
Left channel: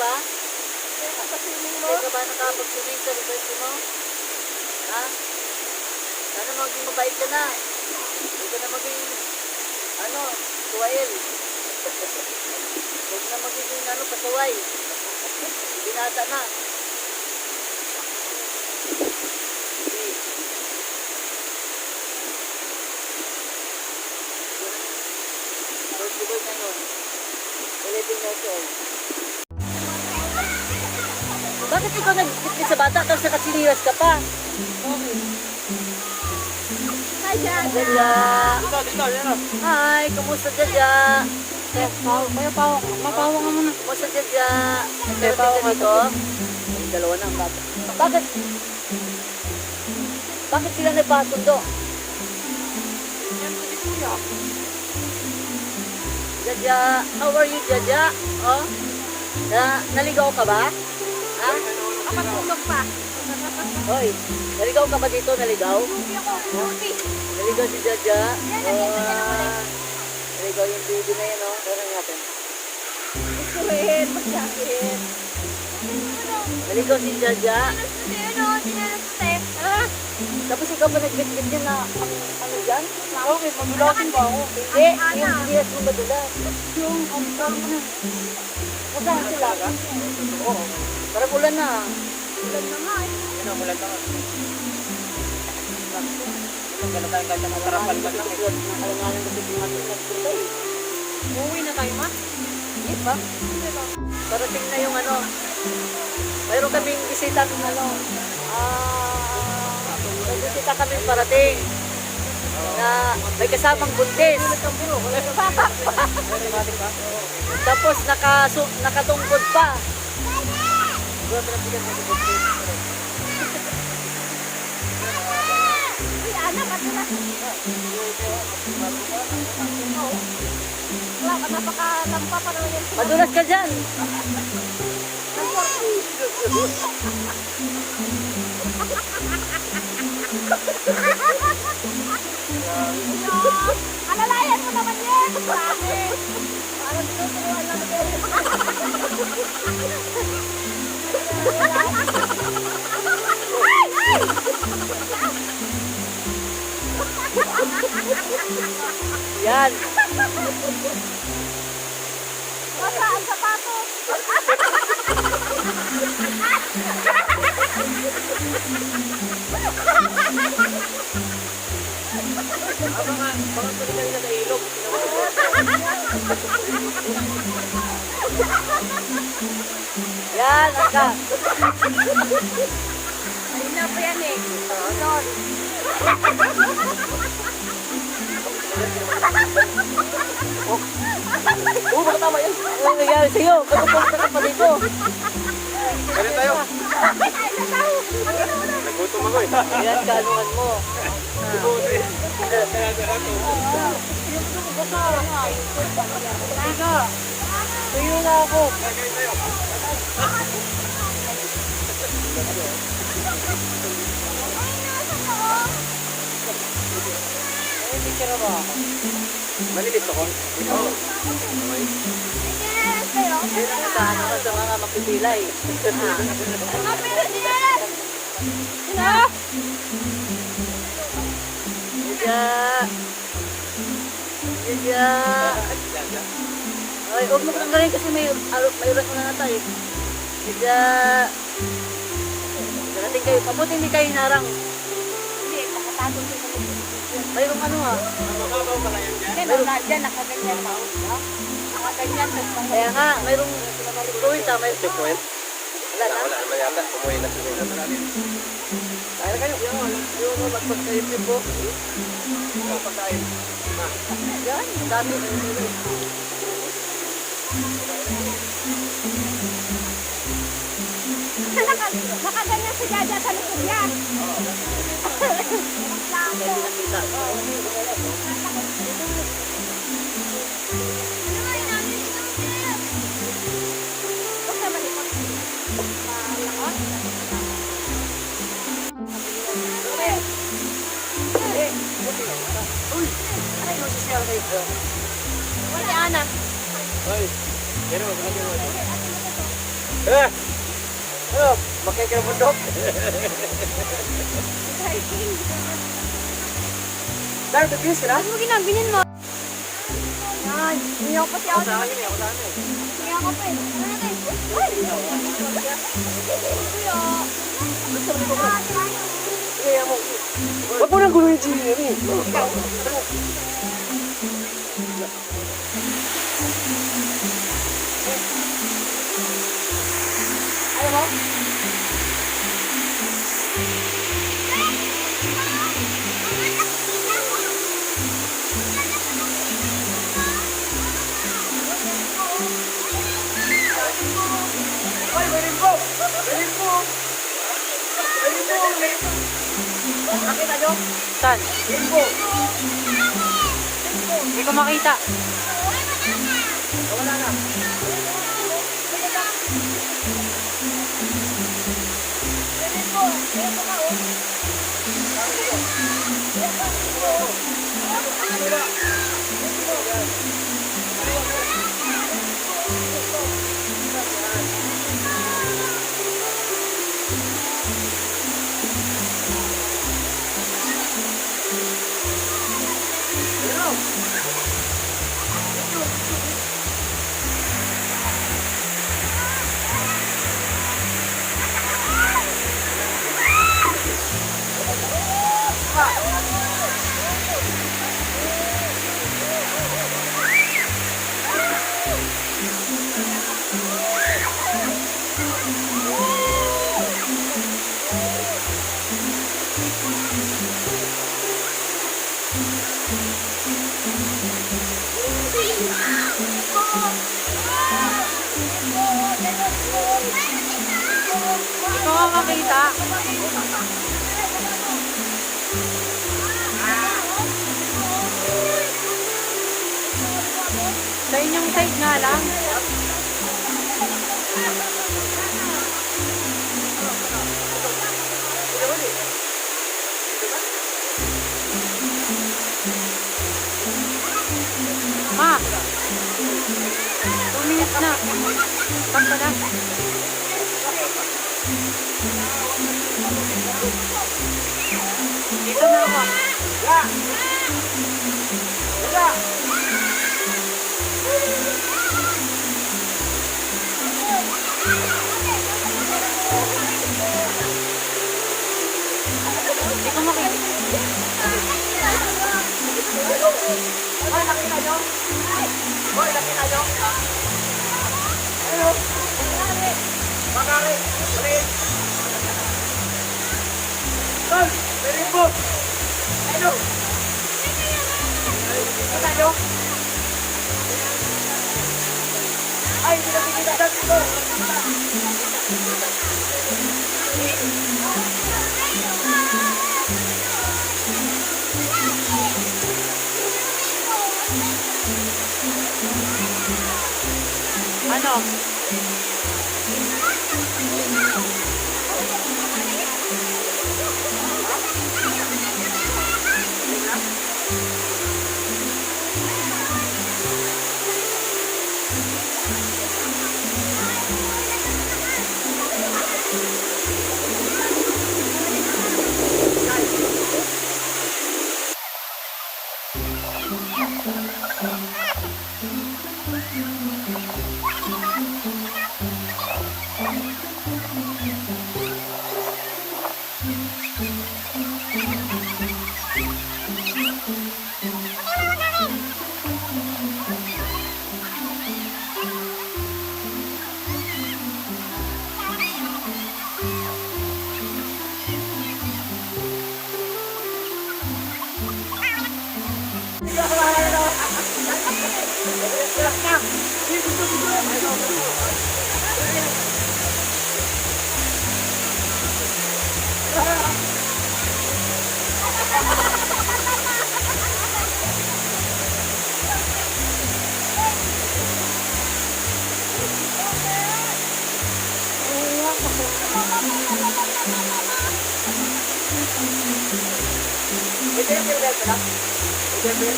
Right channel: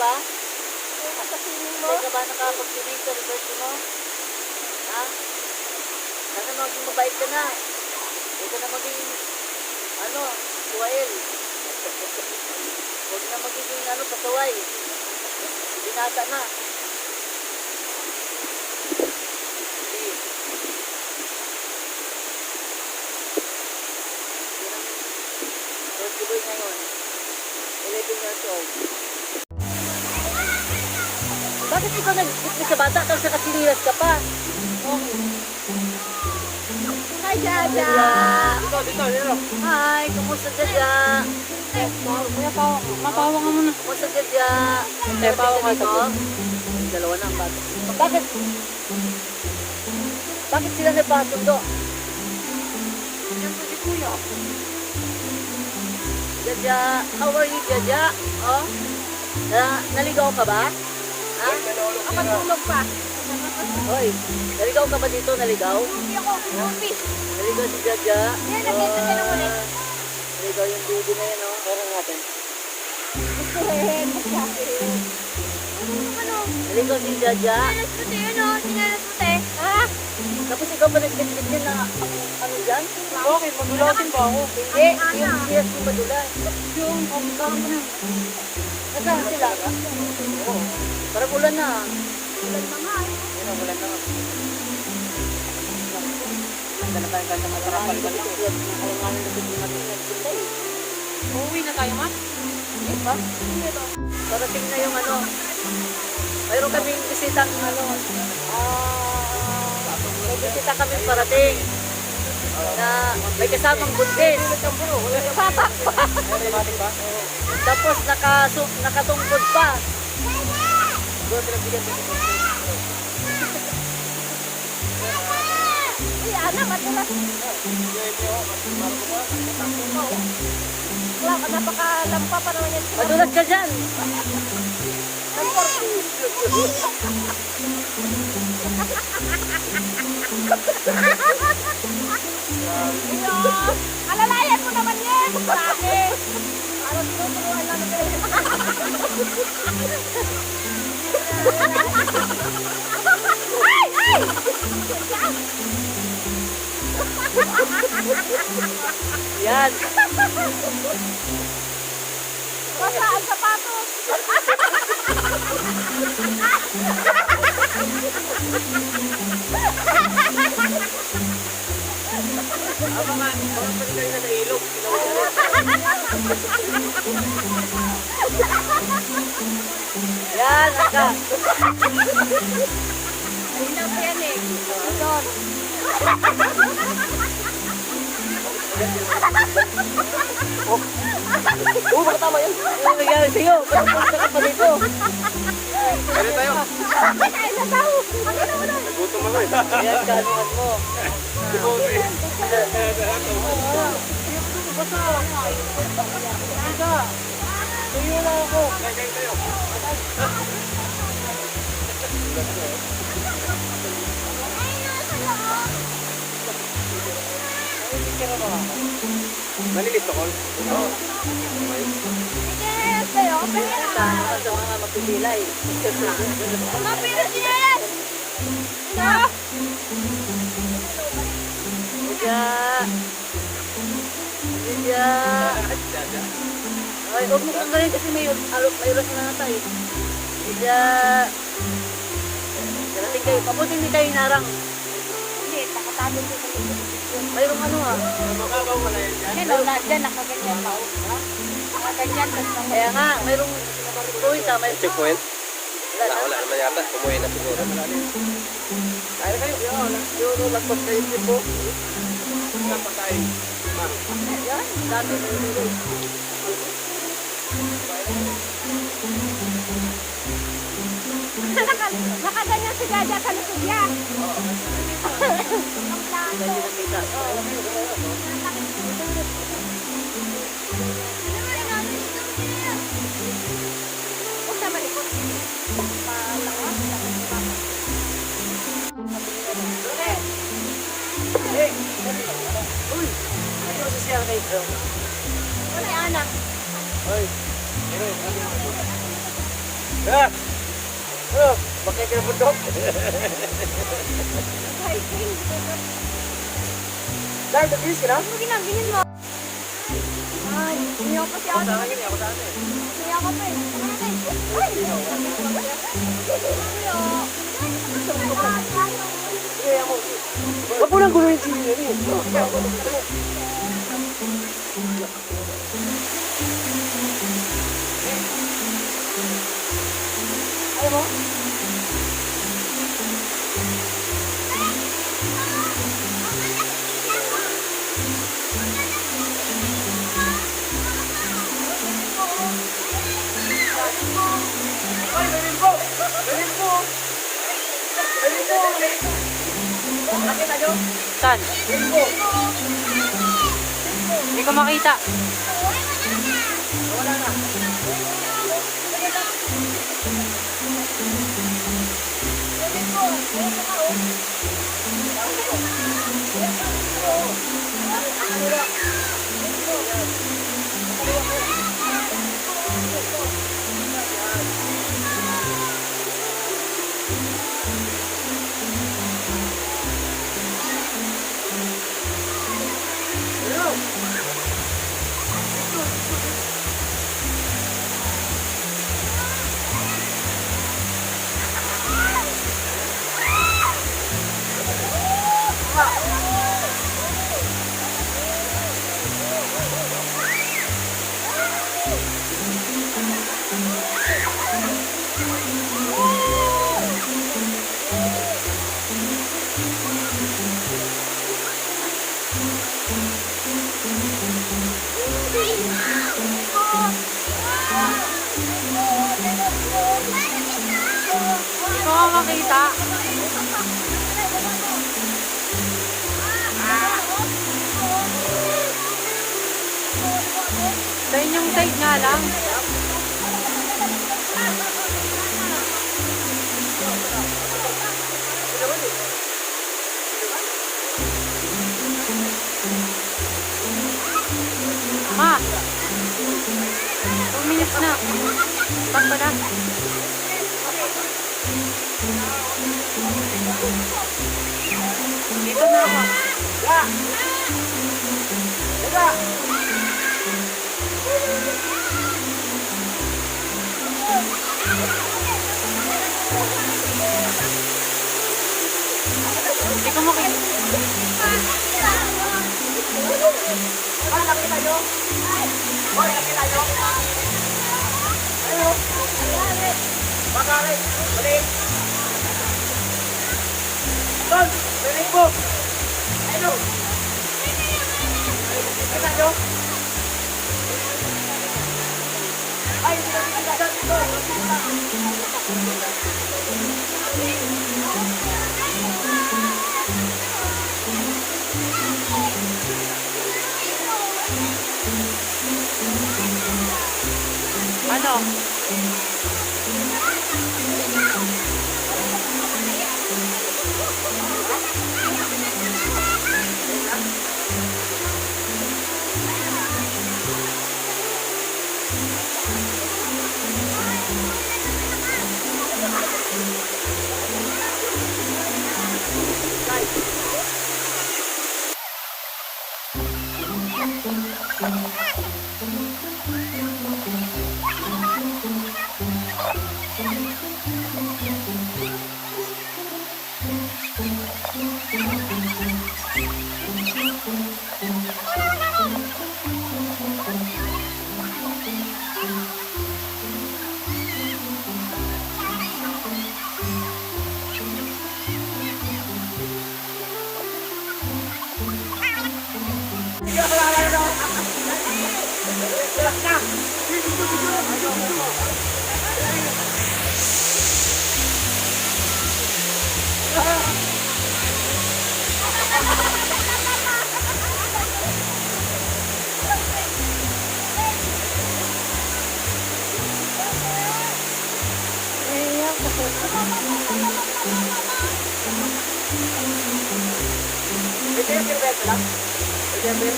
ba? Sa swimming mo? Hindi ka ba nakapag-swimming sa university mo? Ha? Sana maging mabait ka na. Huwag ka na maging, suwail. Huwag na magiging, pasaway. Binata na. Sige. Yan ang Rosie Boy ngayon. 11 years old. Bakit ikaw nag-isip sa bata tapos nakasiliwas ka pa? Okay. Hi, Jaja. Jaja. Dito, yun. Hi, kumusta Jaja? Kaya pawa ka. Mapawa ka muna. Kumusta Jaja? Kaya pawa ka dito? Yung dalawa na ang bata. Bakit sila nagpasundo? Jaja, how are you Jaja? Oh? Naligaw ka ba? Ha? Nakatulog pa. Hoy, naligaw ka ba dito? Naligaw? Naligaw si Jaja. Naligaw yung baby na yun, oh. Pero natin. Gusto rin. Bakit? Naligaw si Jaja. Ah, Tapos ikaw ba nag-get yun na ang ano dyan? okay. Pagulasin ba ako? Hindi, yung siyas mo madulas. Yung pagkaw na. Nasaan sila? Oo. Parang ulan na. Yan ang wala na. Alanganin kasi ito. Alanganin kasi ito natin nagpunta eh. Uuwi na tayo, ma? Hindi pa? Parating na yung mayroon kaming bisitang may bisita kaming parating na may kasamang buntis. Tapos nakatungkod pa. Anak, madulas. Wala, napakalampa pa naman yan. Madulas ka dyan. Alalayan mo naman yan. Sabi. Parang tinuturuan lang kayo. Yan. Basta ang sapatos. Yan, angka. Alina pa yan eh. Oo, baka tama yun. Ano nangyari sa'yo? Ba't pupunta ka pa dito? Kaya tayo. Nagutom ako eh. Ayan, kanuhan mo. Tuyo na ako. Kaya tayo. Maliit ako. May. Sa ano ka sa mga mapipila eh. Jaja. Jaja. Jaja. Ay, huwag mo kang galing kasi may oras na nata eh. Jaja. Darating kayo. Pabuti hindi kayo narang. Hindi, nakatagong din kami. Mayroong ano ha. Mababaw pala yan dyan. Hindi, mga dyan, nakaganyan pa. Nakaganyan, tapos mga Kaya nga, mayroong point ha. May Checkpoint. wala na. Wala yata. Pumuwi na. Kaya kayo. Yung lagpas kayo po. Napakain. Yan, ang dami. nakaganyan si Jaja sa likod niya. Dami na kita. Uy! Nagsisiyal kayo. Ano Ana? Hoy. Pero, Eh! Oh, makikilabundok. Dahil, nag-bis ka na? Ano ginabilin mo? Yan. Hindi ako pa si ate. Hindi ako pa eh. Tara natin. Ay! Kuya. Huwag mo nang guluhin si Yuri. Ayaw mo? Ay, may limbo! May limbo! May limbo! Nakita nyo? Saan? Limbo! Hindi ko makita. Nawala na. Hindi ko nga makita. Sa inyong side nga lang. Ma! 2 minutes na. Stop pa na. Dito na ako. Hindi ko makita. Ay, nakita nyo? Okay, nakita nyo? Ayun. Bakari. Ulit. Tol, may limbo. Ayun. Nakita nyo? Ay, hindi na kita dito. Ano? Ito yung pinabel pala? Ito yung pinabel?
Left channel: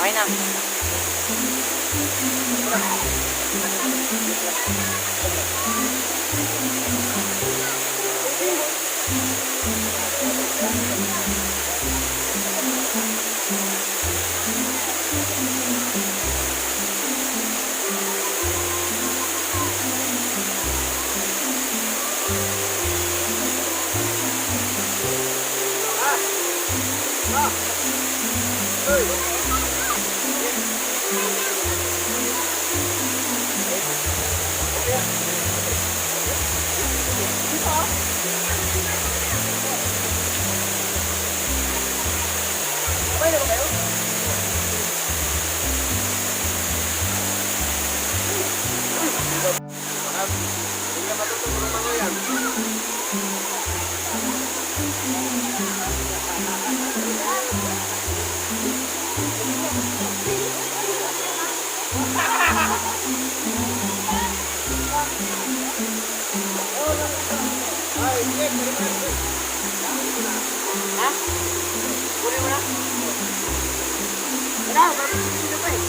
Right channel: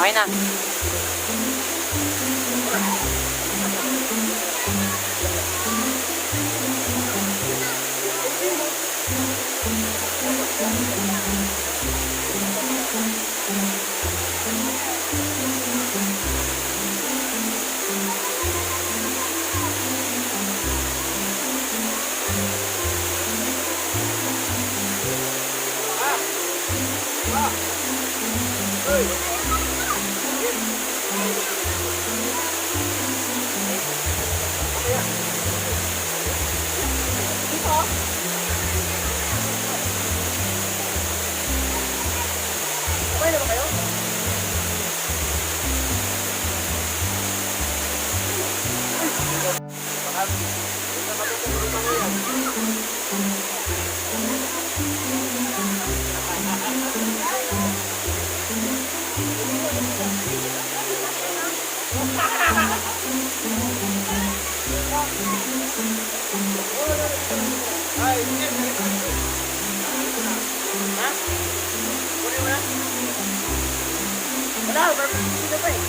Okay na. Okay na ba kayo? Ay, yes, ha? Kunin mo na? Wala, sino pa eh?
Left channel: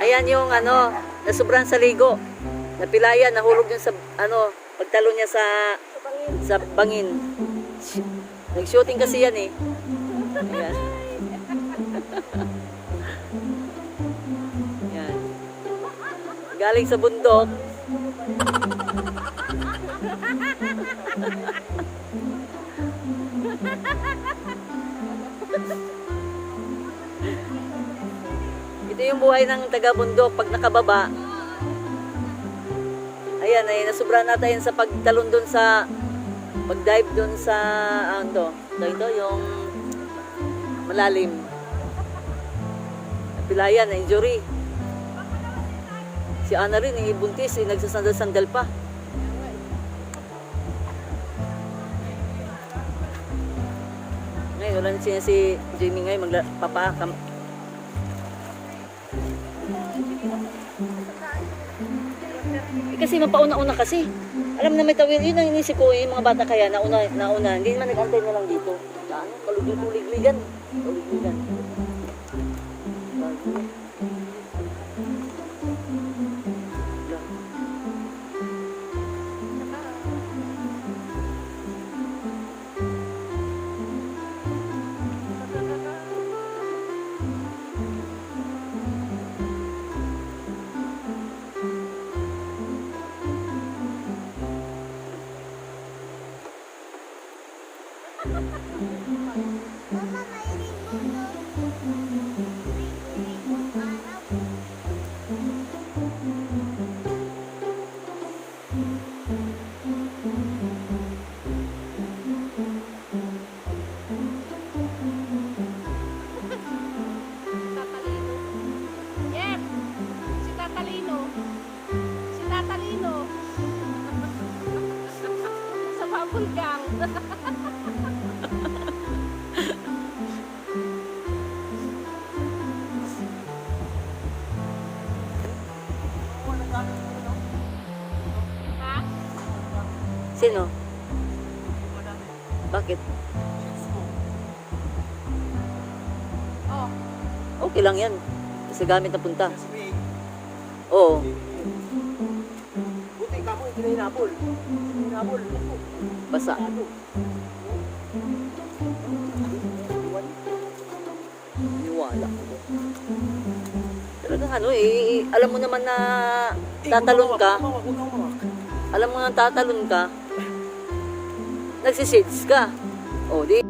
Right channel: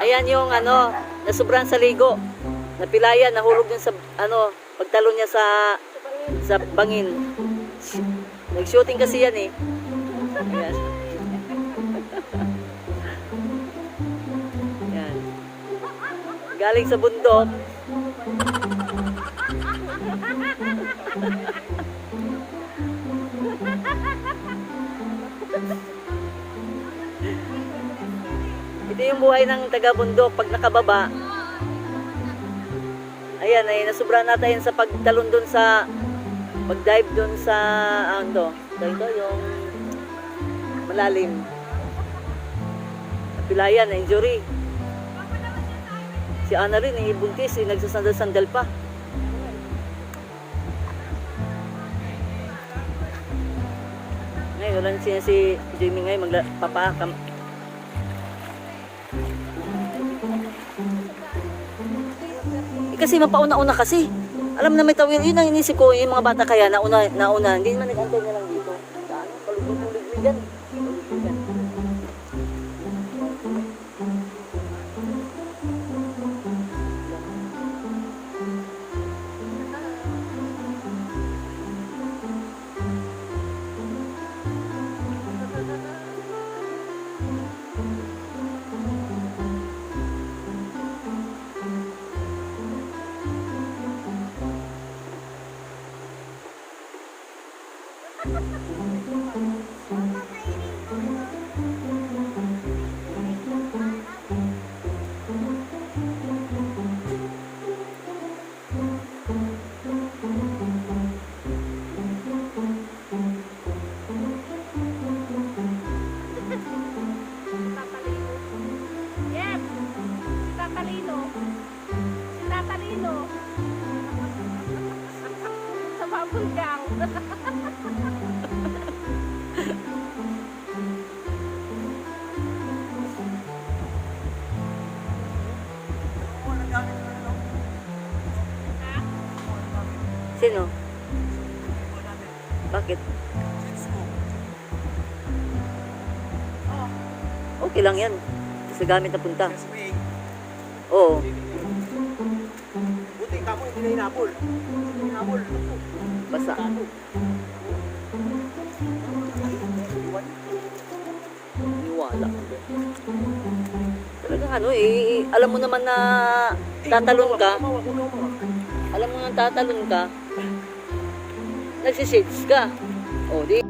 Ayan yung ano, nasubran sa ligo. Napilayan, nahulog dun sa ano, pagtalon niya sa bangin. Nag-shooting kasi yan eh. Ayan. Ayan. Galing sa bundok. Ito yung buhay ng taga-bundok pag nakababa. Ayan, ay nasubra natin sa pagtalon doon sa pag-dive doon sa ano ito yung malalim. Napilayan, na injury. Si Ana rin, buntis, nagsasandal-sandal pa. Ngayon, wala na siya si Jamie ngayon, magpapakam. Kasi mapauna-una kasi. Alam na may tawid, yun ang inisip ko, yung mga bata kaya nauna, hindi naman nag-antay na lang dito. Sa ano, paligid-ligligan. Paligid-ligan. Yes! Si Tatalino. Si Tatalino. Sa bubble gang. Sino? Bakit? Okay lang yan. Kasi gamit na punta. Oo. Buti tamo, hindi na hinabol. Hindi hinabol. Basa. Niwala. Talagang ano eh, alam mo naman na tatalon ka. Alam mo na tatalon ka. Nagsisits ka. O, di.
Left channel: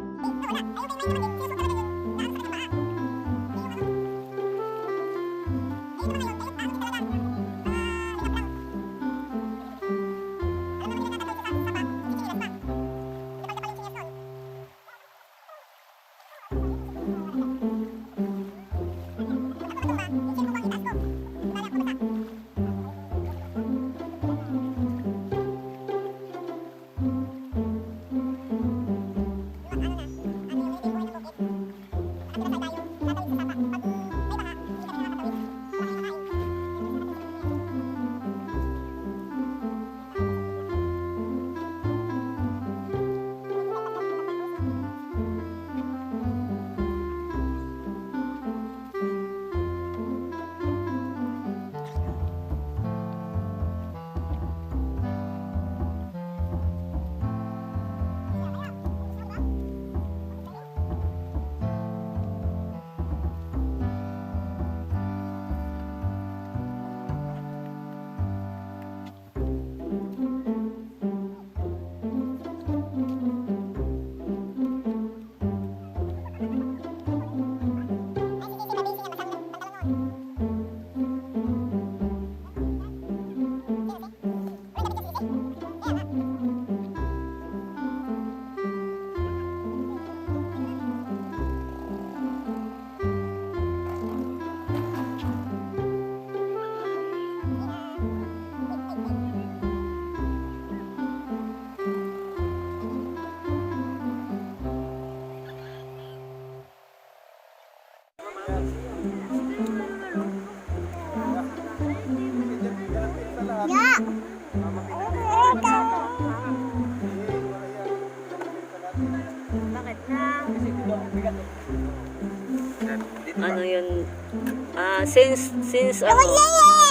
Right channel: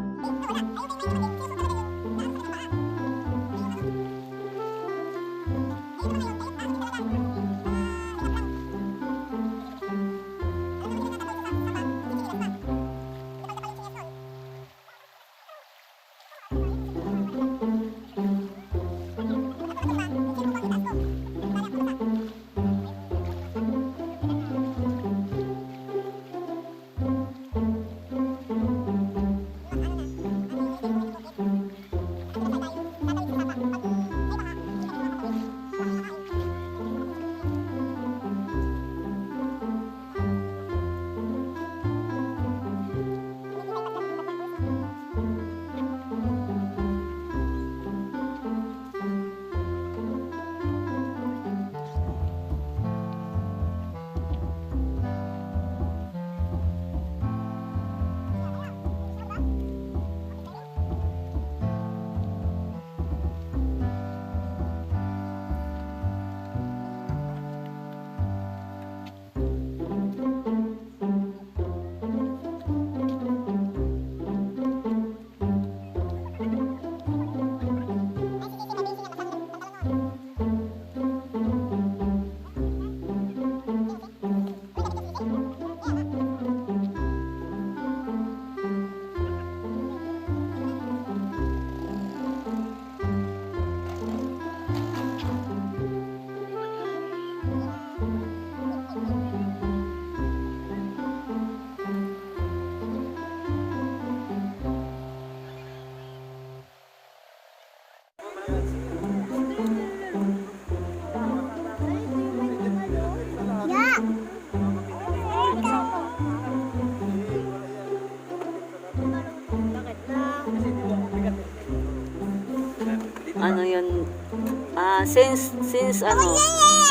Since ano,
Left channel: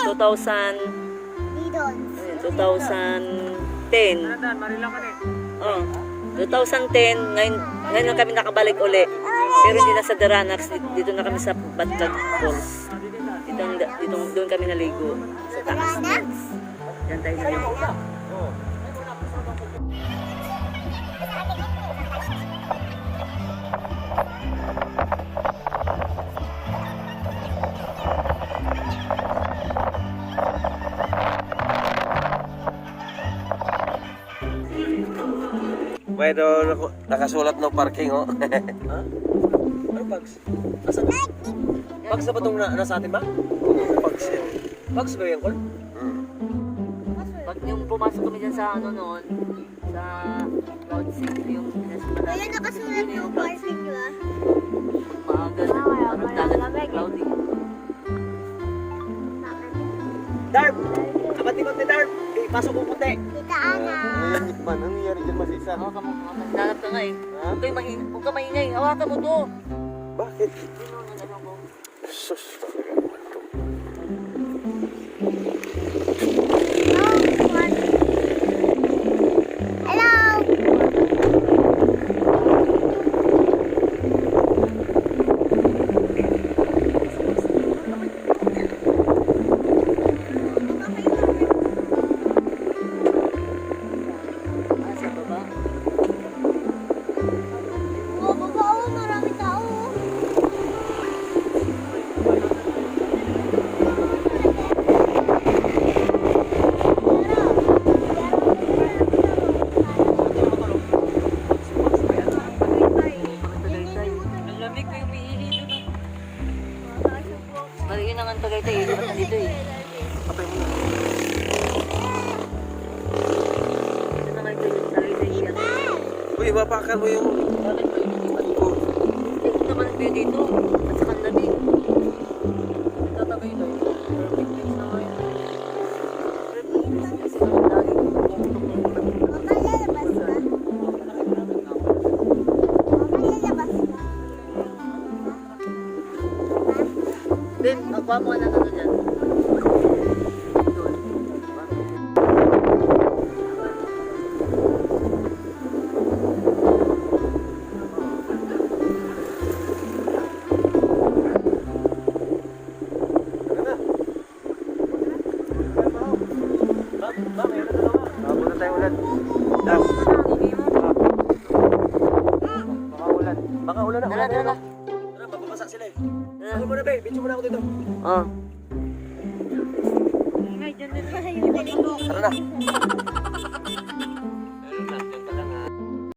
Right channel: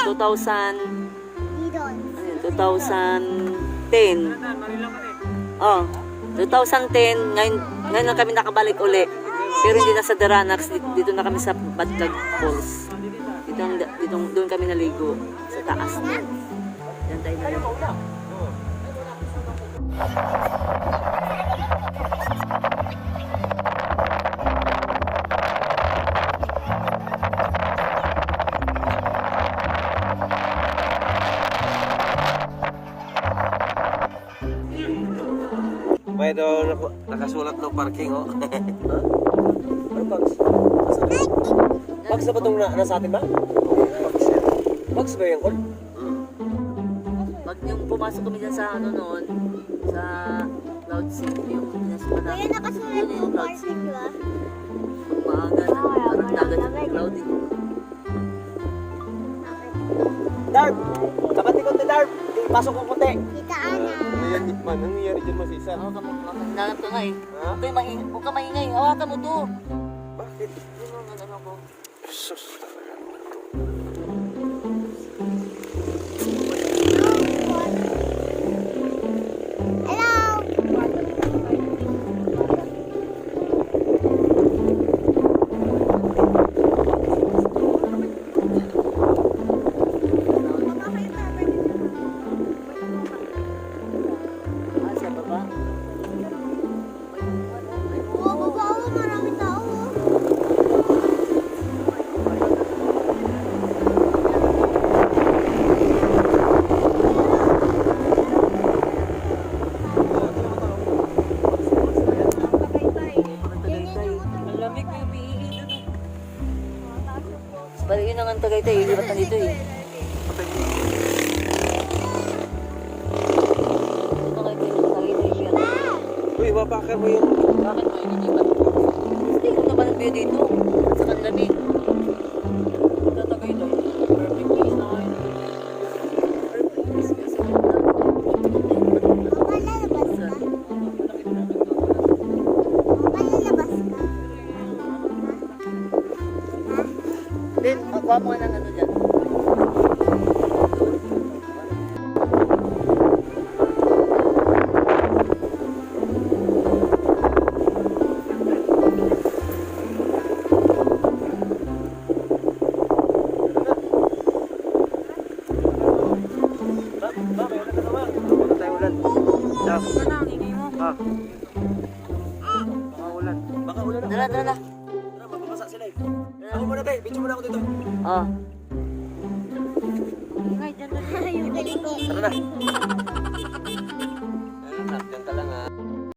2000, Didon. 2010. Oh, 2010, ngayon na kami nakabalik uli. Pero hindi na sa Daranax, dito na kami sa Batlag Falls. Doon kami naligo sa taas. Yan tayo naligo. May daw nakasulat ng parking, oh. Ano bags? Asan? Bags na ba itong nasa atin ba? Bags yan. Bags ba yan, Col? Pag yung pumasok kami dyan sa ano noon, sa Cloud City, yung pinasukan namin, Kaya nakasulat yun yung yung Cloud City. barbecue. Maaga na, parang dagat yung cloudy. Darp! Kapatikot ni Darp! Ipasok mo puti! Kita Ana. Ano nangyayari dyan mas isa? Hawakan mo, nalap ka nga eh. Ha? Huwag ka maingay, hawakan mo to. Bakit? Ano ko? Sus, talaga. Hello. Sa baba? Oh, baba oh, maraming tao. Oh. Ang lamig ko yung piili doon. Pero yun ang Tagaytay, hirap na dito eh. Ito na kayo yung Tagaytay yan. Uy, mapakan mo yung... Bakit mo ininipan ko? Hindi ko naman nagpili dito. At saka ang lamig. Tatagay lang. Perfect place na kayo. Perfect place kasi ang dami. Mama, lalabas ka? Mama, lalabas ka? Then, akuha mo nga ng ano dyan. Doon. Wala tayo ulan. Darp. Baka ulan na. Tara, tara. Tara, mababasa sila eh. Ako muna, Tay. Video muna ako dito. Oh. Yung galing ko. Tara na.